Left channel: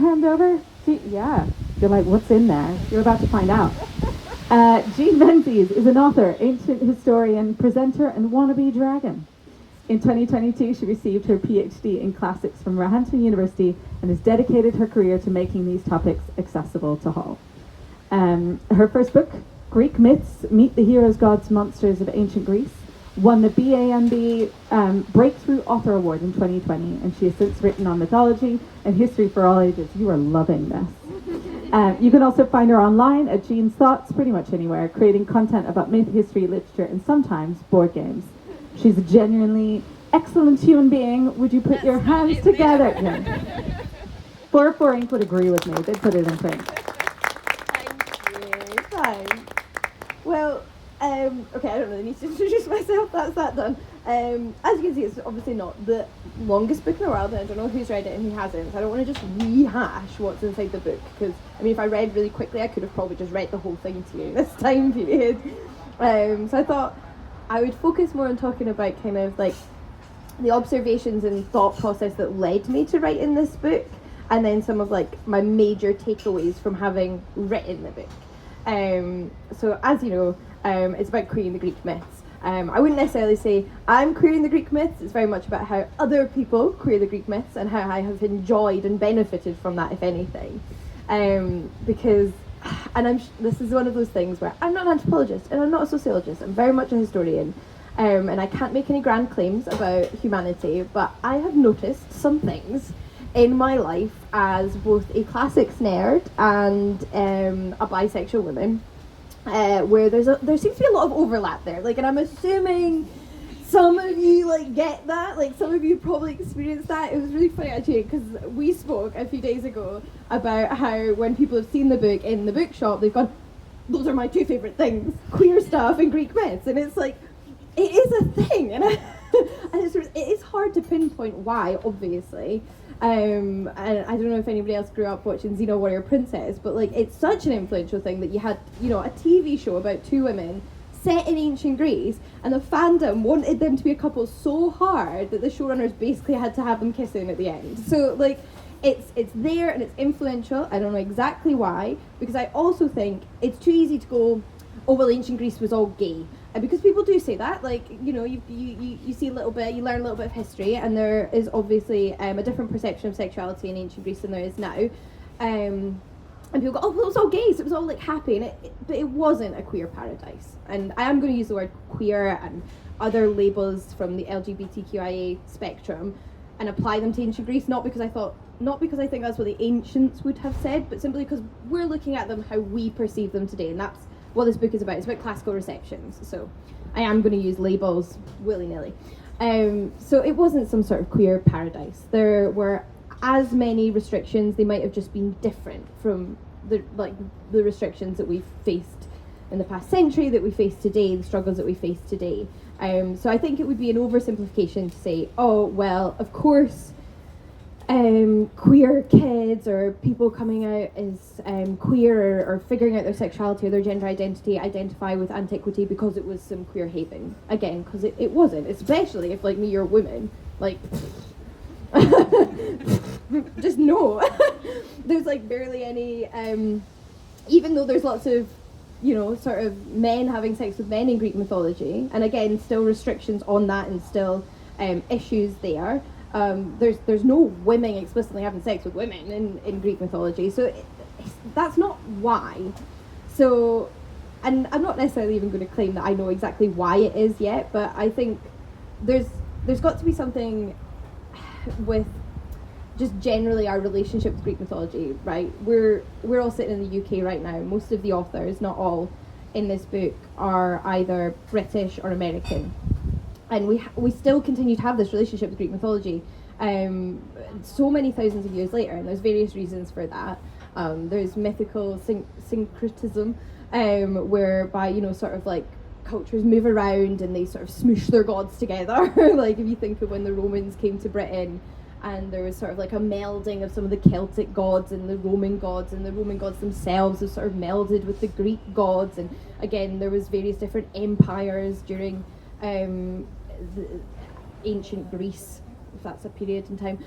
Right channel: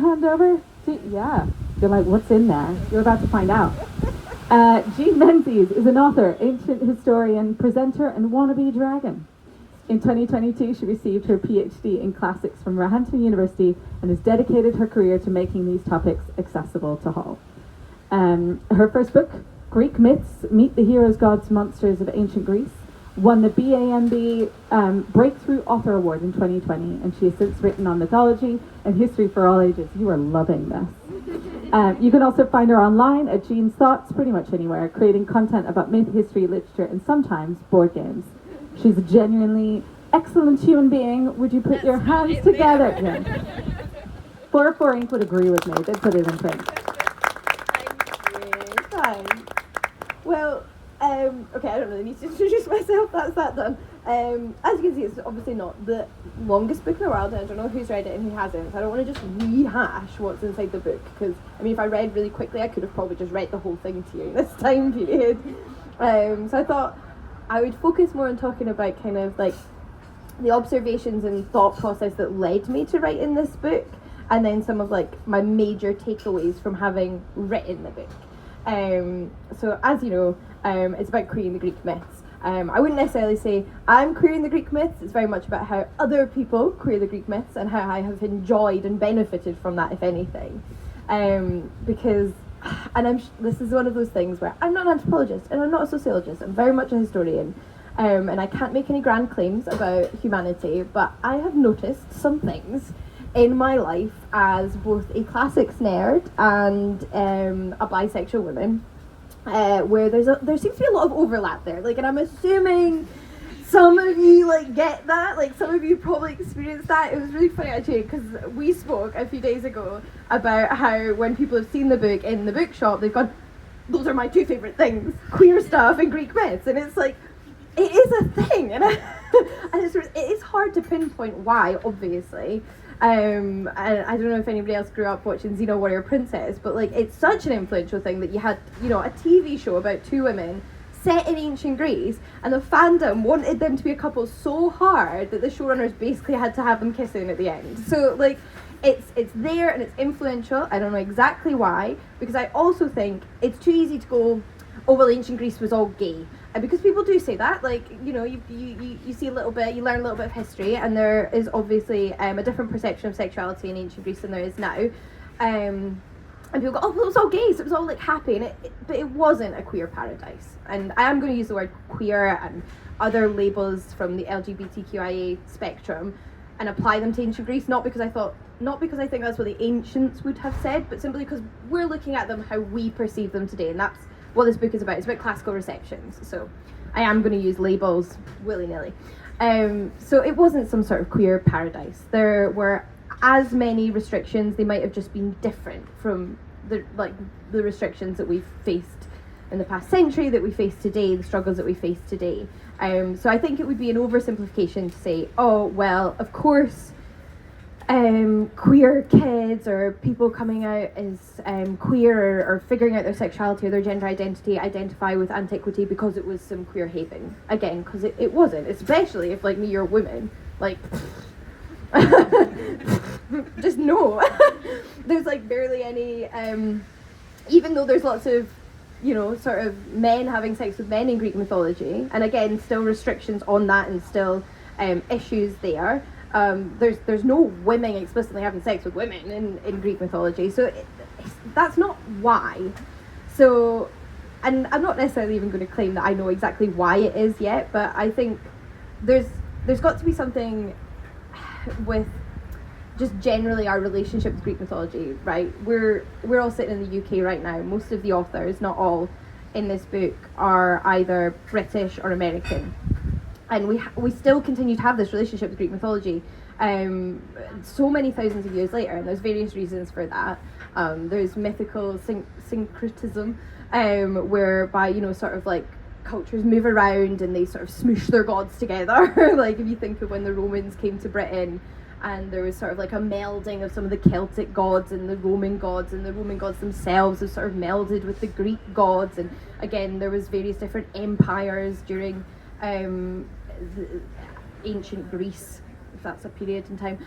to hand over? Yeah. You're like, what's in there? You're about to find out. Jean Menzies is an author, ancient historian, presenter, and wannabe dragon. In 2022, she received her PhD in classics from Roehampton University and has dedicated her career to making these topics accessible to all. Her first book, Greek Myths, Meet the Heroes, Gods, Monsters of Ancient Greece, won the BAMB Breakthrough Author Award in 2020, and she has since written on mythology and history for all ages. You are loving this. You can also find her online at Jean's Thoughts, pretty much anywhere, creating content about myth, history, literature, and sometimes board games. She's a genuinely excellent human being. Would you put your hands together? Yeah. 4 Ink would agree with me. They put it in print. Thank you. Thanks. Well, okay, I don't really need to introduce myself. That's that done. As you can see, it's obviously not the longest book in the world, and I don't know who's read it and who hasn't. So I don't want to just rehash what's inside the book, because I mean, if I read really quickly, I could have probably just read the whole thing to you in this time period. So I thought I would focus more on talking about kind of like the observations and thought process that led me to writing this book, and then some of like my major takeaways from having written the book. So as you know, it's about queering the Greek myths. I wouldn't necessarily say I'm queering the Greek myths. It's very much about how other people queer the Greek myths and how I have enjoyed and benefited from that, if anything. Because, and this is one of those things where I'm not an anthropologist and I'm not a sociologist. I'm very much a historian. And I can't make any grand claims about humanity, but I have noticed some things in my life as both a classics nerd and a bisexual woman, where there seems to be a lot of overlap there. Like, and I'm assuming some of you like get that. Like, some of you probably experienced that. It was really funny actually, because we spoke a few days ago about how when people have seen the book in the bookshop, they've gone, "Those are my two favourite things: queer stuff and Greek myths." And it's like, it is a thing, and and it is hard to pinpoint why, obviously. And I don't know if anybody else grew up watching Xena Warrior Princess, but like, it's such an influential thing that you had, you know, a TV show about two women set in ancient Greece, and the fandom wanted them to be a couple so hard that the showrunners basically had to have them kissing at the end. So like, it's there and it's influential. I don't know exactly why, because I also think it's too easy to go, oh well, ancient Greece was all gay. Because people do say that, like, you know, you see a little bit, you learn a little bit of history, and there is obviously a different perception of sexuality in ancient Greece than there is now. And people go, oh, well, it was all gay, so it was all like happy, but it wasn't a queer paradise. And I am going to use the word queer and other labels from the LGBTQIA spectrum and apply them to ancient Greece, not because I think that's what the ancients would have said, but simply because we're looking at them how we perceive them today, and that's what this book is about. It's about classical receptions, so I am going to use labels willy-nilly. So it wasn't some sort of queer paradise. There were as many restrictions. They might have just been different from the restrictions that we've faced in the past century, that we face today, the struggles that we face today. So I think it would be an oversimplification to say, oh well, of course queer kids or people coming out as queer or figuring out their sexuality or their gender identity identify with antiquity because it was some queer haven. Again, because it wasn't, especially if, like me, you're a woman. Like, just no. There's like barely any, even though there's lots of, you know, sort of men having sex with men in Greek mythology, and again, still restrictions on that and still issues there. There's no women explicitly having sex with women in Greek mythology, so that's not why. So, and I'm not necessarily even going to claim that I know exactly why it is yet, but I think there's got to be something with just generally our relationship with Greek mythology, right? We're all sitting in the UK right now. Most of the authors, not all, in this book are either British or American. And we still continue to have this relationship with Greek mythology so many thousands of years later, and there's various reasons for that. There's mythical syncretism, whereby, you know, sort of like cultures move around and they sort of smoosh their gods together. Like, if you think of when the Romans came to Britain, and there was sort of like a melding of some of the Celtic gods and the Roman gods, and the Roman gods themselves have sort of melded with the Greek gods, and again there was various different empires during ancient Greece if that's a period in time.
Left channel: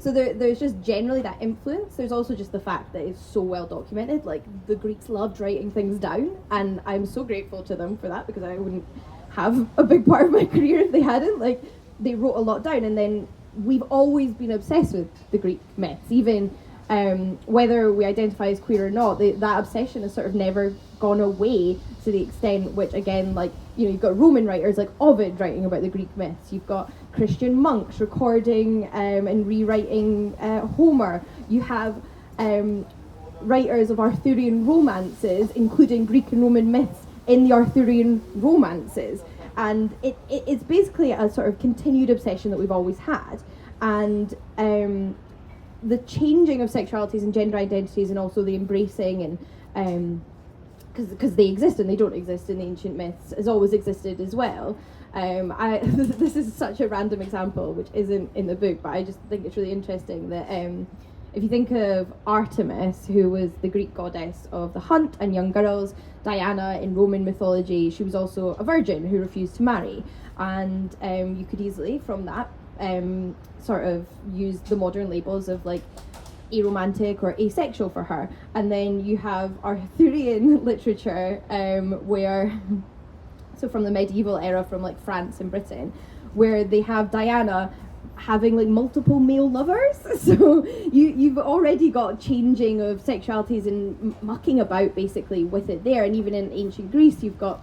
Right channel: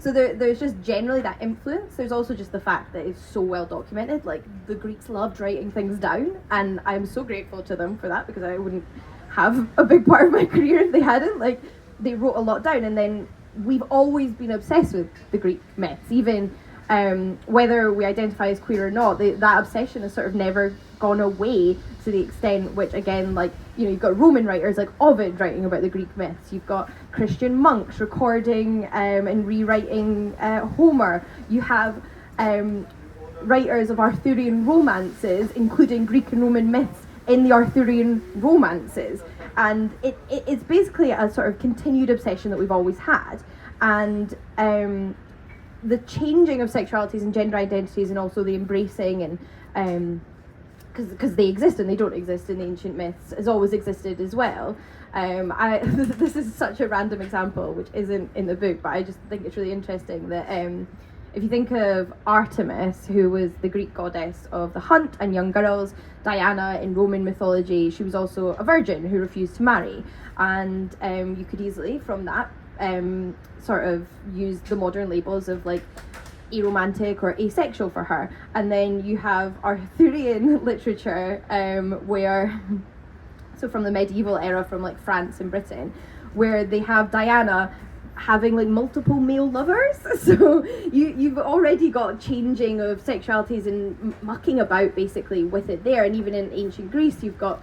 So there's just generally that influence. There's also just the fact that it's so well documented. Like, the Greeks loved writing things down, and I'm so grateful to them for that, because I wouldn't have a big part of my career if they hadn't. Like, they wrote a lot down, and then we've always been obsessed with the Greek myths, even whether we identify as queer or not. That obsession has sort of never gone away, to the extent which, again, like, you know, you've got Roman writers like Ovid writing about the Greek myths, you've got Christian monks recording and rewriting Homer, you have writers of Arthurian romances including Greek and Roman myths in the Arthurian romances, and it's basically a sort of continued obsession that we've always had. And the changing of sexualities and gender identities, and also the embracing, and because they exist and they don't exist in the ancient myths, has always existed as well. This is such a random example which isn't in the book, but I just think it's really interesting that if you think of Artemis, who was the Greek goddess of the hunt and young girls, Diana in Roman mythology, she was also a virgin who refused to marry, and you could easily from that sort of use the modern labels of like aromantic or asexual for her. And then you have Arthurian literature where, so from the medieval era, from like France and Britain, where they have Diana having like multiple male lovers. So you've already got changing of sexualities and mucking about basically with it there. And even in ancient Greece, you've got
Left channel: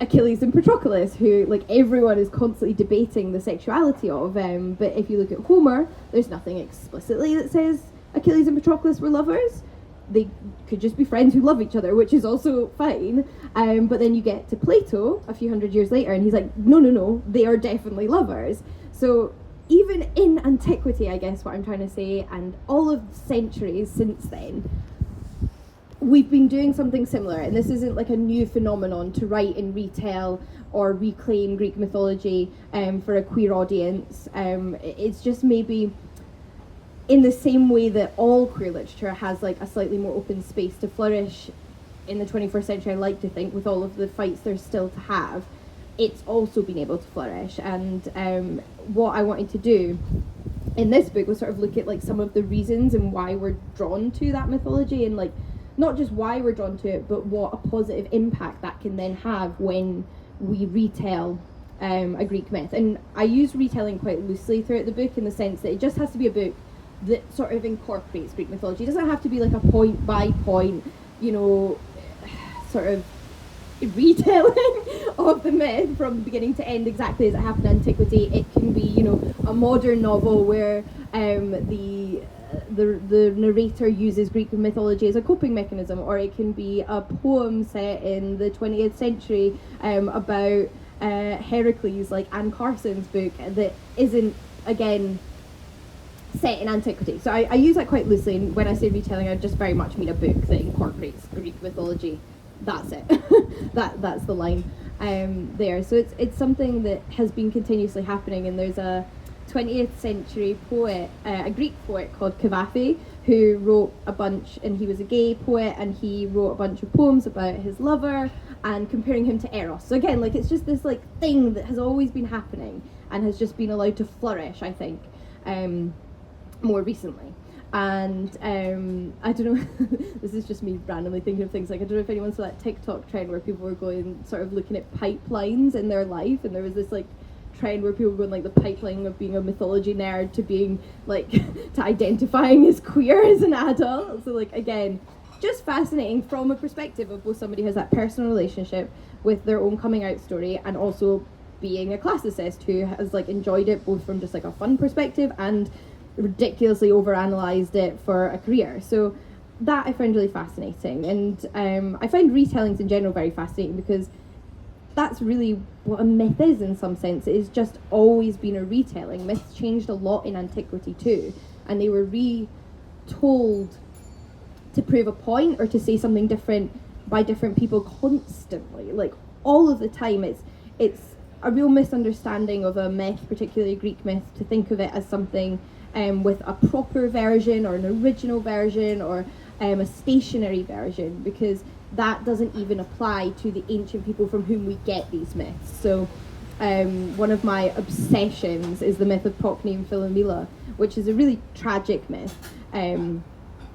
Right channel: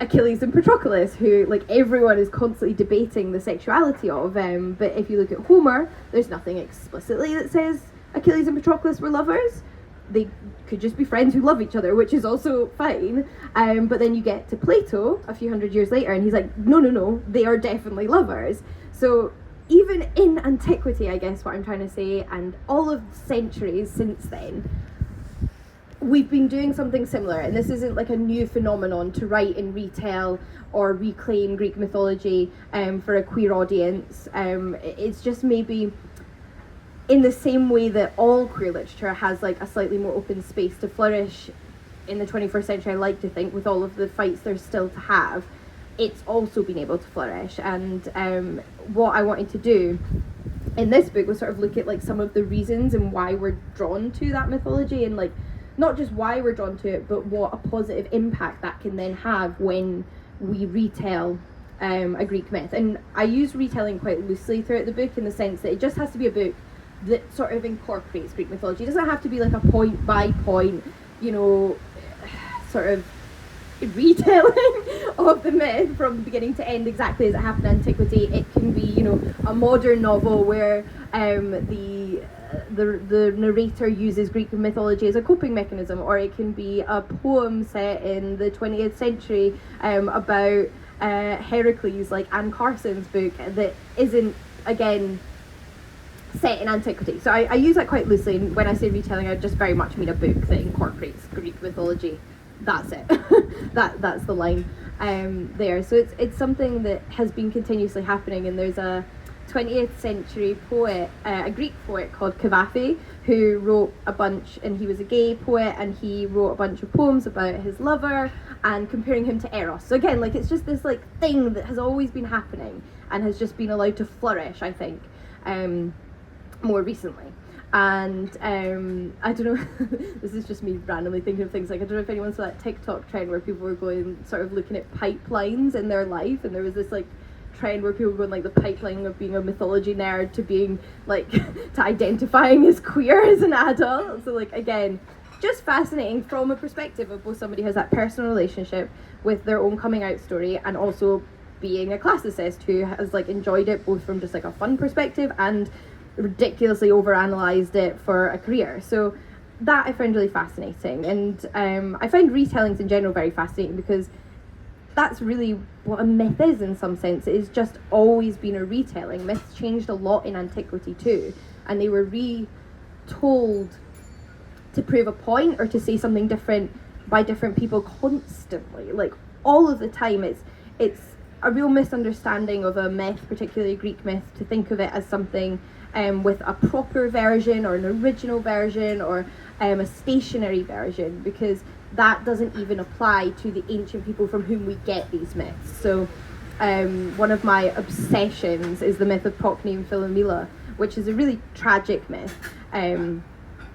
Achilles and Patroclus, who like everyone is constantly debating the sexuality of. But if you look at Homer, there's nothing explicitly that says Achilles and Patroclus were lovers. They could just be friends who love each other, which is also fine. But then you get to Plato a few hundred years later, and he's like, no, they are definitely lovers. So even in antiquity, I guess what I'm trying to say, and all of the centuries since then, we've been doing something similar. And this isn't like a new phenomenon to write and retell or reclaim Greek mythology for a queer audience. It's just maybe in the same way that all queer literature has like a slightly more open space to flourish in the 21st century, I like to think, with all of the fights there's still to have, it's also been able to flourish. And what I wanted to do in this book was sort of look at like some of the reasons and why we're drawn to that mythology, and like not just why we're drawn to it, but what a positive impact that can then have when we retell a Greek myth. And I use retelling quite loosely throughout the book, in the sense that it just has to be a book that sort of incorporates Greek mythology. It doesn't have to be like a point by point, you know, sort of retelling of the myth from beginning to end exactly as it happened in antiquity. It can be, you know, a modern novel where the narrator uses Greek mythology as a coping mechanism, or it can be a poem set in the 20th century about Heracles, like Anne Carson's book, that isn't, again, set in antiquity. So I use that quite loosely, and when I say retelling, I just very much mean a book that incorporates Greek mythology. That's it. That's the line there. So it's something that has been continuously happening, and there's a 20th century poet, a Greek poet called Cavafy, who wrote a bunch, and he was a gay poet, and he wrote a bunch of poems about his lover and comparing him to Eros. So again, like, it's just this like thing that has always been happening and has just been allowed to flourish, I think, more recently. And I don't know, this is just me randomly thinking of things, like I don't know if anyone saw that TikTok trend where people were going, sort of looking at pipelines in their life, and there was this like trend where people were going like the pipeline of being a mythology nerd to being like to identifying as queer as an adult. So like, again, just fascinating from a perspective of both somebody who has that personal relationship with their own coming out story, and also being a classicist who has like enjoyed it both from just like a fun perspective and ridiculously overanalyzed it for a career. So that I find really fascinating, and I find retellings in general very fascinating, because that's really what a myth is in some sense. It has just always been a retelling. Myths changed a lot in antiquity too, and they were retold to prove a point or to say something different by different people constantly, like all of the time. It's a real misunderstanding of a myth, particularly a Greek myth, to think of it as something with a proper version or an original version or a stationary version, because that doesn't even apply to the ancient people from whom we get these myths. So one of my obsessions is the myth of Procne and Philomela, which is a really tragic myth,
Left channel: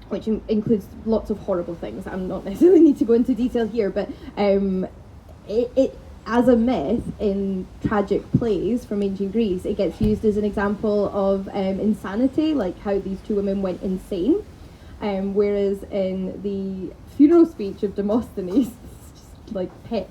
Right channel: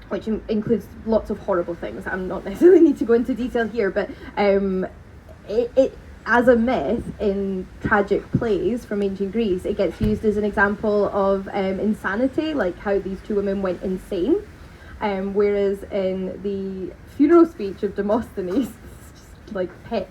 which includes lots of horrible things. I'm not necessarily need to go into detail here, but it as a myth in tragic plays from ancient Greece, it gets used as an example of insanity, like how these two women went insane. Whereas in the funeral speech of Demosthenes, just like pet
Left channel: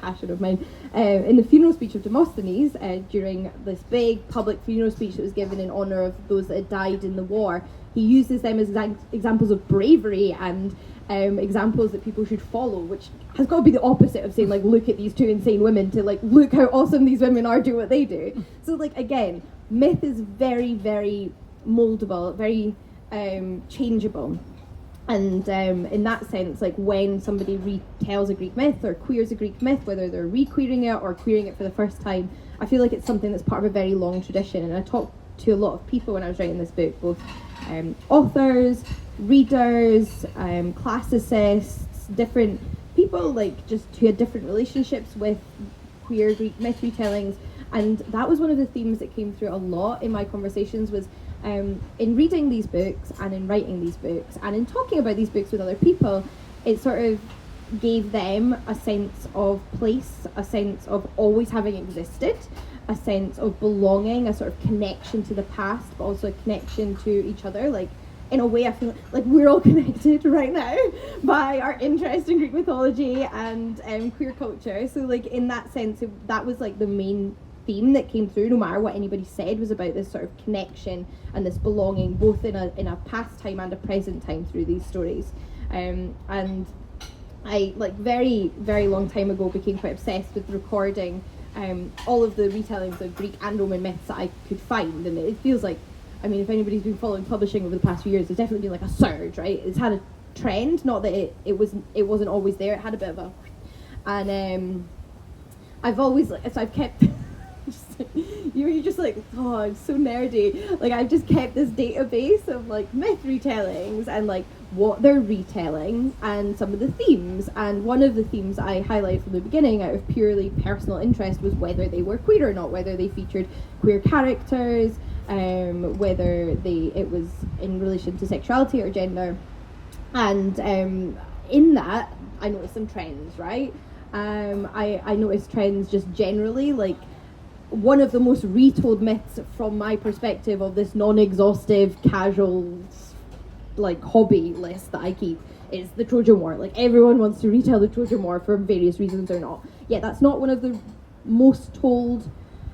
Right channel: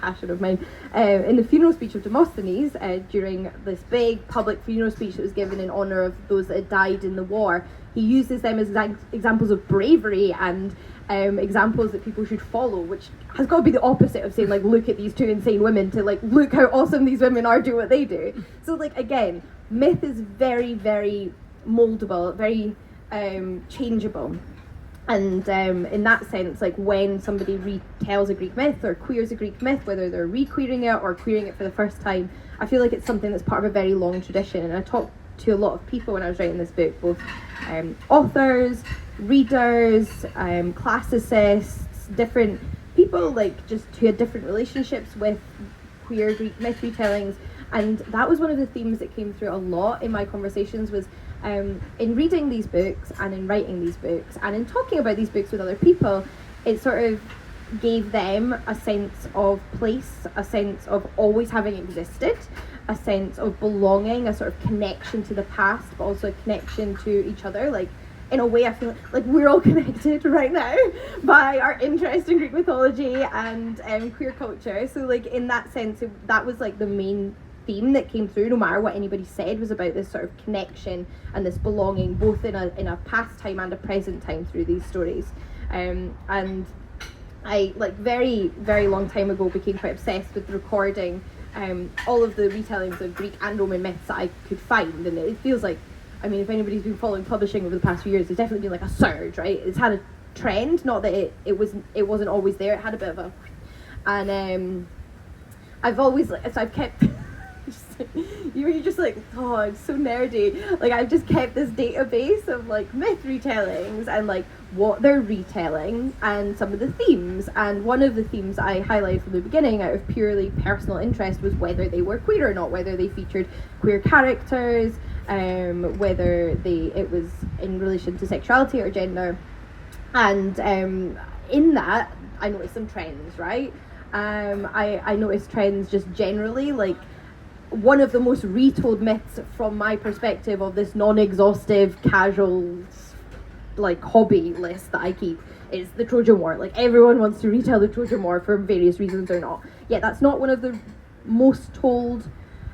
passion of mine, in the funeral speech of Demosthenes, during this big public funeral speech that was given in honour of those that had died in the war, he uses them as examples of bravery and examples that people should follow, which has got to be the opposite of saying, like, look at these two insane women, to like, look how awesome these women are, do what they do. So like, again, myth is very, very moldable, very changeable. And in that sense, like, when somebody retells a Greek myth or queers a Greek myth, whether they're re-queering it or queering it for the first time, I feel like it's something that's part of a very long tradition. And I talked to a lot of people when I was writing this book, both authors, readers, classicists, different people, like, just who had different relationships with queer Greek myth retellings. And that was one of the themes that came through a lot in my conversations, was in reading these books and in writing these books and in talking about these books with other people, it sort of gave them a sense of place, a sense of always having existed, a sense of belonging, a sort of connection to the past, but also a connection to each other. Like, in a way, I feel like we're all connected right now by our interest in Greek mythology and queer culture. So, like, in that sense, that was like the main theme that came through, no matter what anybody said, was about this sort of connection and this belonging, both in a past time and a present time through these stories. And I, like, very, very long time ago, became quite obsessed with recording all of the retellings of Greek and Roman myths that I could find. And it feels like, I mean, if anybody's been following publishing over the past few years, there's definitely been like a surge, right? It's had a trend, not that it wasn't always there. It had a bit of a, and I've always, so I've kept. You're just like, oh, I'm so nerdy. Like, I've just kept this database of like myth retellings and like what they're retelling and some of the themes. And one of the themes I highlighted from the beginning, out of purely personal interest, was whether they were queer or not, whether they featured queer characters, whether it was in relation to sexuality or gender. And in that, I noticed some trends, right? I noticed trends just generally, like, one of the most retold myths from my perspective of this non-exhaustive, casual, like, hobby list that I keep is the Trojan War. Like, everyone wants to retell the Trojan War for various reasons or not. Yet that's not one of the most told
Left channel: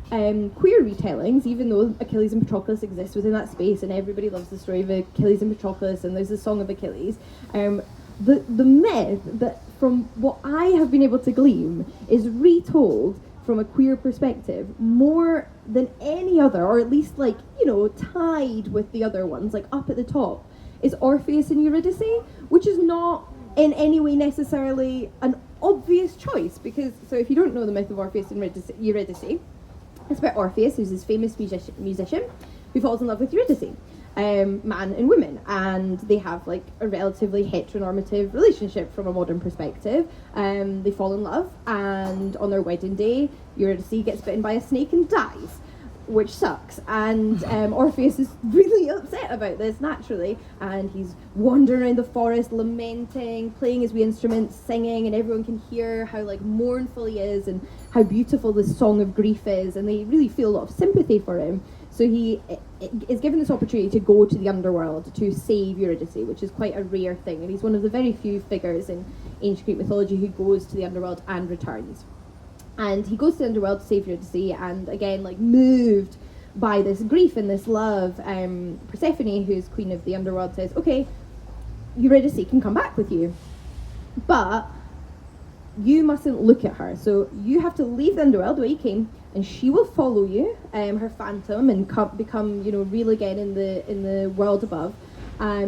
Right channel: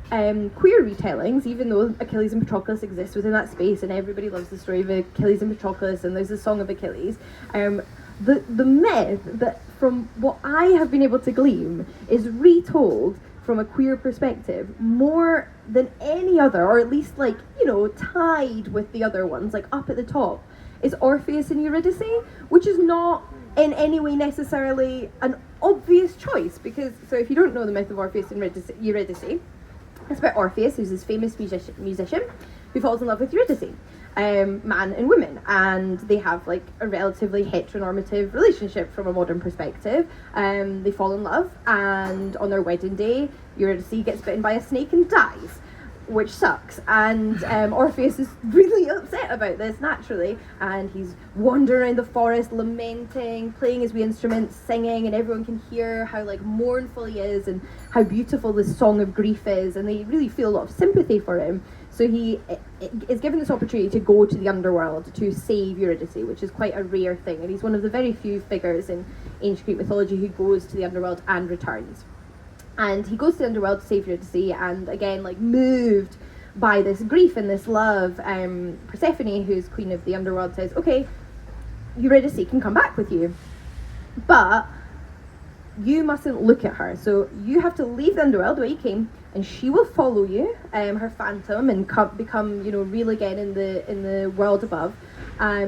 queer retellings, even though Achilles and Patroclus exists within that space and everybody loves the story of Achilles and Patroclus and there's the Song of Achilles. The myth that, from what I have been able to glean, is retold from a queer perspective more than any other, or at least, like, you know, tied with the other ones, like up at the top, is Orpheus and Eurydice, which is not in any way necessarily an obvious choice, because, so if you don't know the myth of Orpheus and Eurydice, it's about Orpheus, who's this famous musician who falls in love with Eurydice, man and woman, and they have like a relatively heteronormative relationship from a modern perspective. They fall in love, and on their wedding day, Eurydice gets bitten by a snake and dies, which sucks. And Orpheus is really upset about this, naturally, and he's wandering around the forest, lamenting, playing his wee instruments, singing, and everyone can hear how like mournful he is and how beautiful this song of grief is, and they really feel a lot of sympathy for him. So he is given this opportunity to go to the underworld to save Eurydice, which is quite a rare thing, and he's one of the very few figures in ancient Greek mythology who goes to the underworld and returns. And he goes to the underworld to save Eurydice, and again, like, moved by this grief and this love, Persephone, who's queen of the underworld, says, okay, Eurydice can come back with you, but you mustn't look at her. So you have to leave the underworld the way you came, and she will follow you, her phantom, and become, you know, real again in the world above.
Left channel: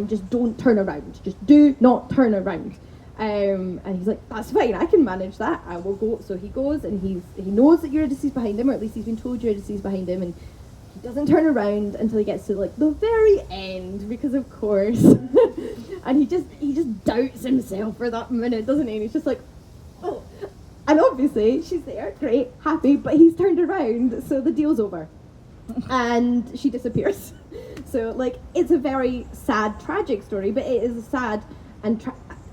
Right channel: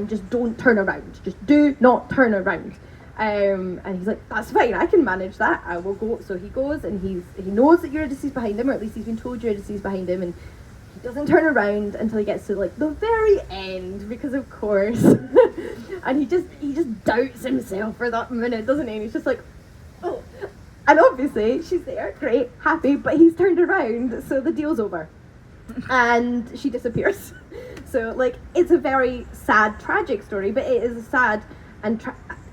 Just don't turn around. Just do not turn around. And he's like, that's fine, I can manage that, I will go. So he goes, and he knows that Eurydice is behind him, or at least he's been told Eurydice is behind him, and he doesn't turn around until he gets to like the very end, because of course. And he just doubts himself for that minute, doesn't he? And he's just like, oh, And obviously, she's there, great, happy, but he's turned around, so the deal's over. And she disappears. So, like, it's a very sad, tragic story, but it is a sad and,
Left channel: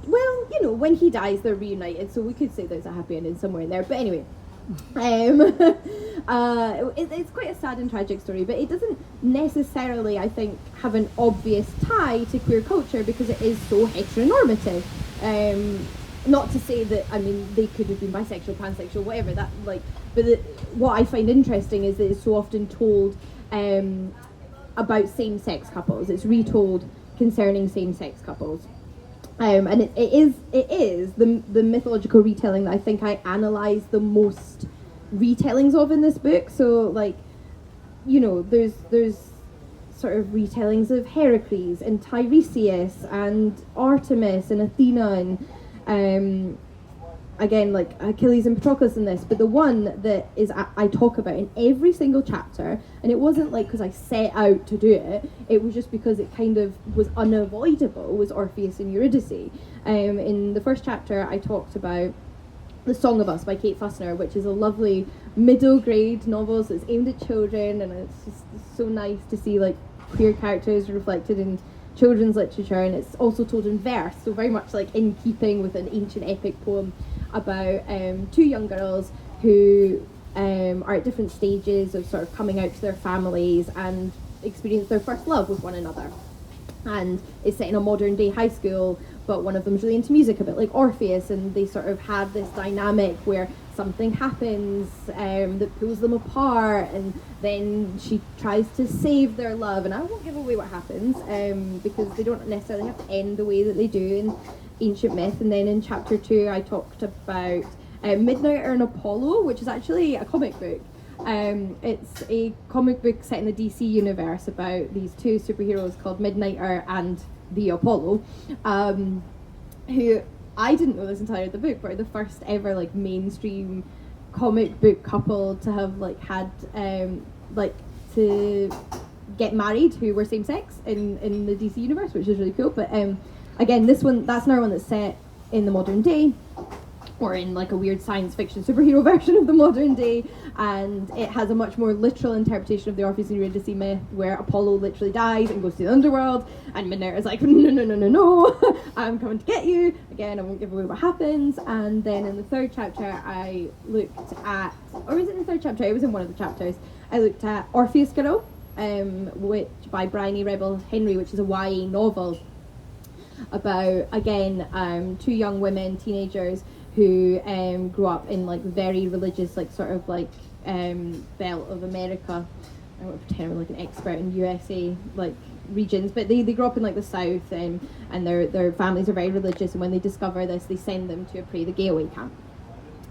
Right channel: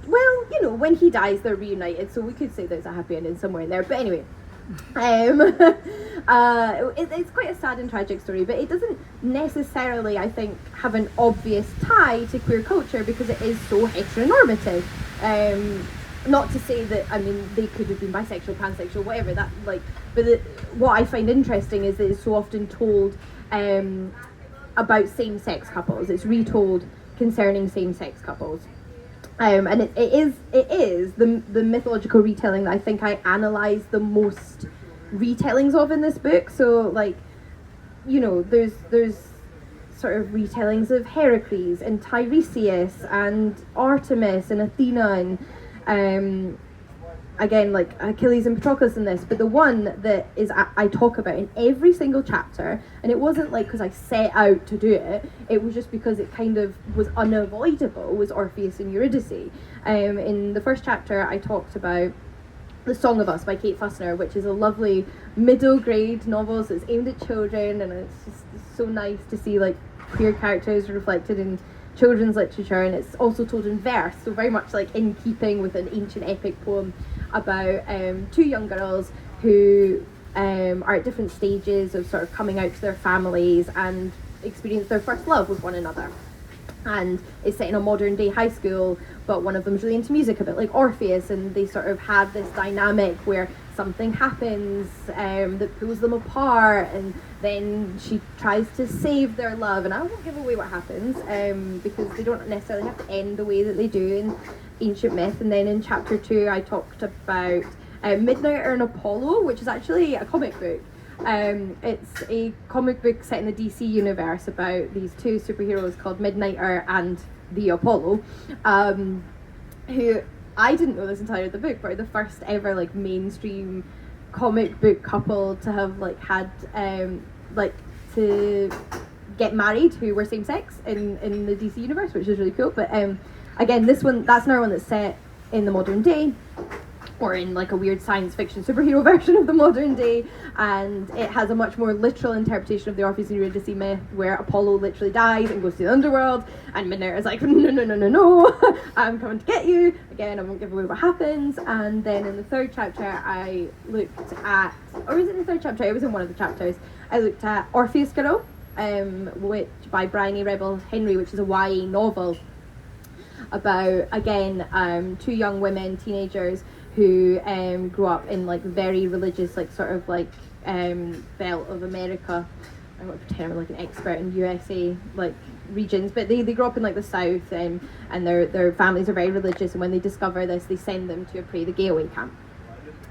well, you know, when he dies, they're reunited, so we could say there's a happy ending somewhere in there. But anyway, it's quite a sad and tragic story, but it doesn't necessarily, I think, have an obvious tie to queer culture because it is so heteronormative. Not to say that, I mean, they could have been bisexual, pansexual, whatever, that, like, but what I find interesting is that it's so often told about same-sex couples. It's retold concerning same-sex couples. And it is the mythological retelling that I think I analyse the most retellings of in this book. So, like, you know, there's sort of retellings of Heracles and Tiresias and Artemis and Athena and again, like Achilles and Patroclus in this, but the one that is I talk about in every single chapter, and it wasn't like because I set out to do it, it was just because it kind of was unavoidable, was Orpheus and Eurydice. In the first chapter I talked about The Song of Us by Kate Fussner, which is a lovely middle grade novel, so it's aimed at children, and it's just so nice to see like queer characters reflected in children's literature, and it's also told in verse, so very much like in keeping with an ancient epic poem about two young girls who are at different stages of sort of coming out to their families and experience their first love with one another. And it's set in a modern day high school, but one of them's really into music, a bit like Orpheus, and they sort of have this dynamic where something happens that pulls them apart, and then she tries to save their love, and I won't give away what happens because they don't necessarily have to end the way that they do in ancient myth. And then in chapter 2 I talked about Midnighter and Apollo, which is actually a comic book. It's a comic book set in the DC universe about these two superheroes called Midnighter and the Apollo, who I didn't know this entire the book, but are the first ever like mainstream comic book couple to have like had like to get married who were same sex in the DC universe, which is really cool. But again, this one, that's another one that's set in the modern day, or in like a weird science fiction superhero version of the modern day, and it has a much more literal interpretation of the Orpheus and Eurydice myth, where Apollo literally dies and goes to the underworld, and Midnighter is like, no, I'm coming to get you. Again, I won't give away what happens. And then in the third chapter I looked at, or was it in the third chapter? It was in one of the chapters. I looked at Orpheus Girl, which by Bryony Rebel Henry, which is a YA novel about, again, two young women, teenagers, who grew up in like very religious, like sort of like belt of America. I don't want to pretend I'm like an expert in USA like regions, but they grew up in like the South, and their families are very religious, and when they discover this, they send them to a pray the gay away camp.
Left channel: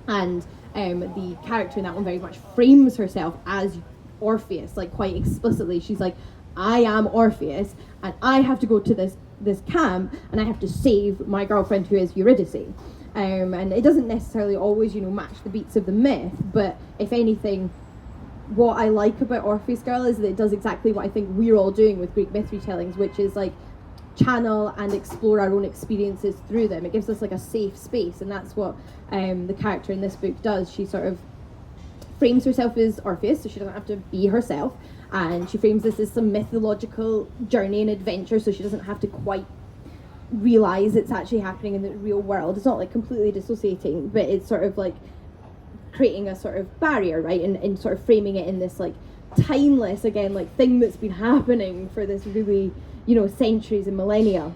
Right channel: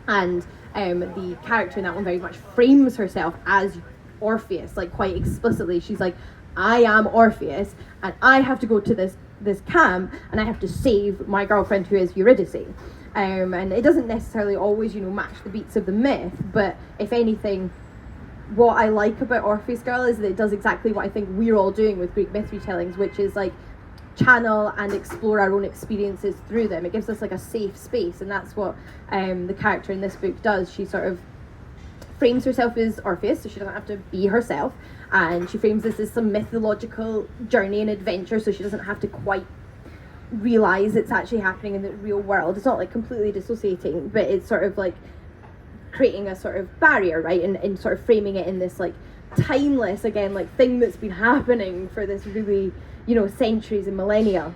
And the character in that one very much frames herself as Orpheus, like quite explicitly. She's like, I am Orpheus, and I have to go to this camp, and I have to save my girlfriend who is Eurydice. And it doesn't necessarily always, you know, match the beats of the myth, but if anything, what I like about Orpheus Girl is that it does exactly what I think we're all doing with Greek myth retellings, which is like channel and explore our own experiences through them. It gives us like a safe space, and that's what the character in this book does. She sort of frames herself as Orpheus, so she doesn't have to be herself, and she frames this as some mythological journey and adventure, so she doesn't have to quite realize it's actually happening in the real world. It's not like completely dissociating, but it's sort of like creating a sort of barrier, right, and sort of framing it in this like timeless, again, like thing that's been happening for this really, you know, centuries and millennia,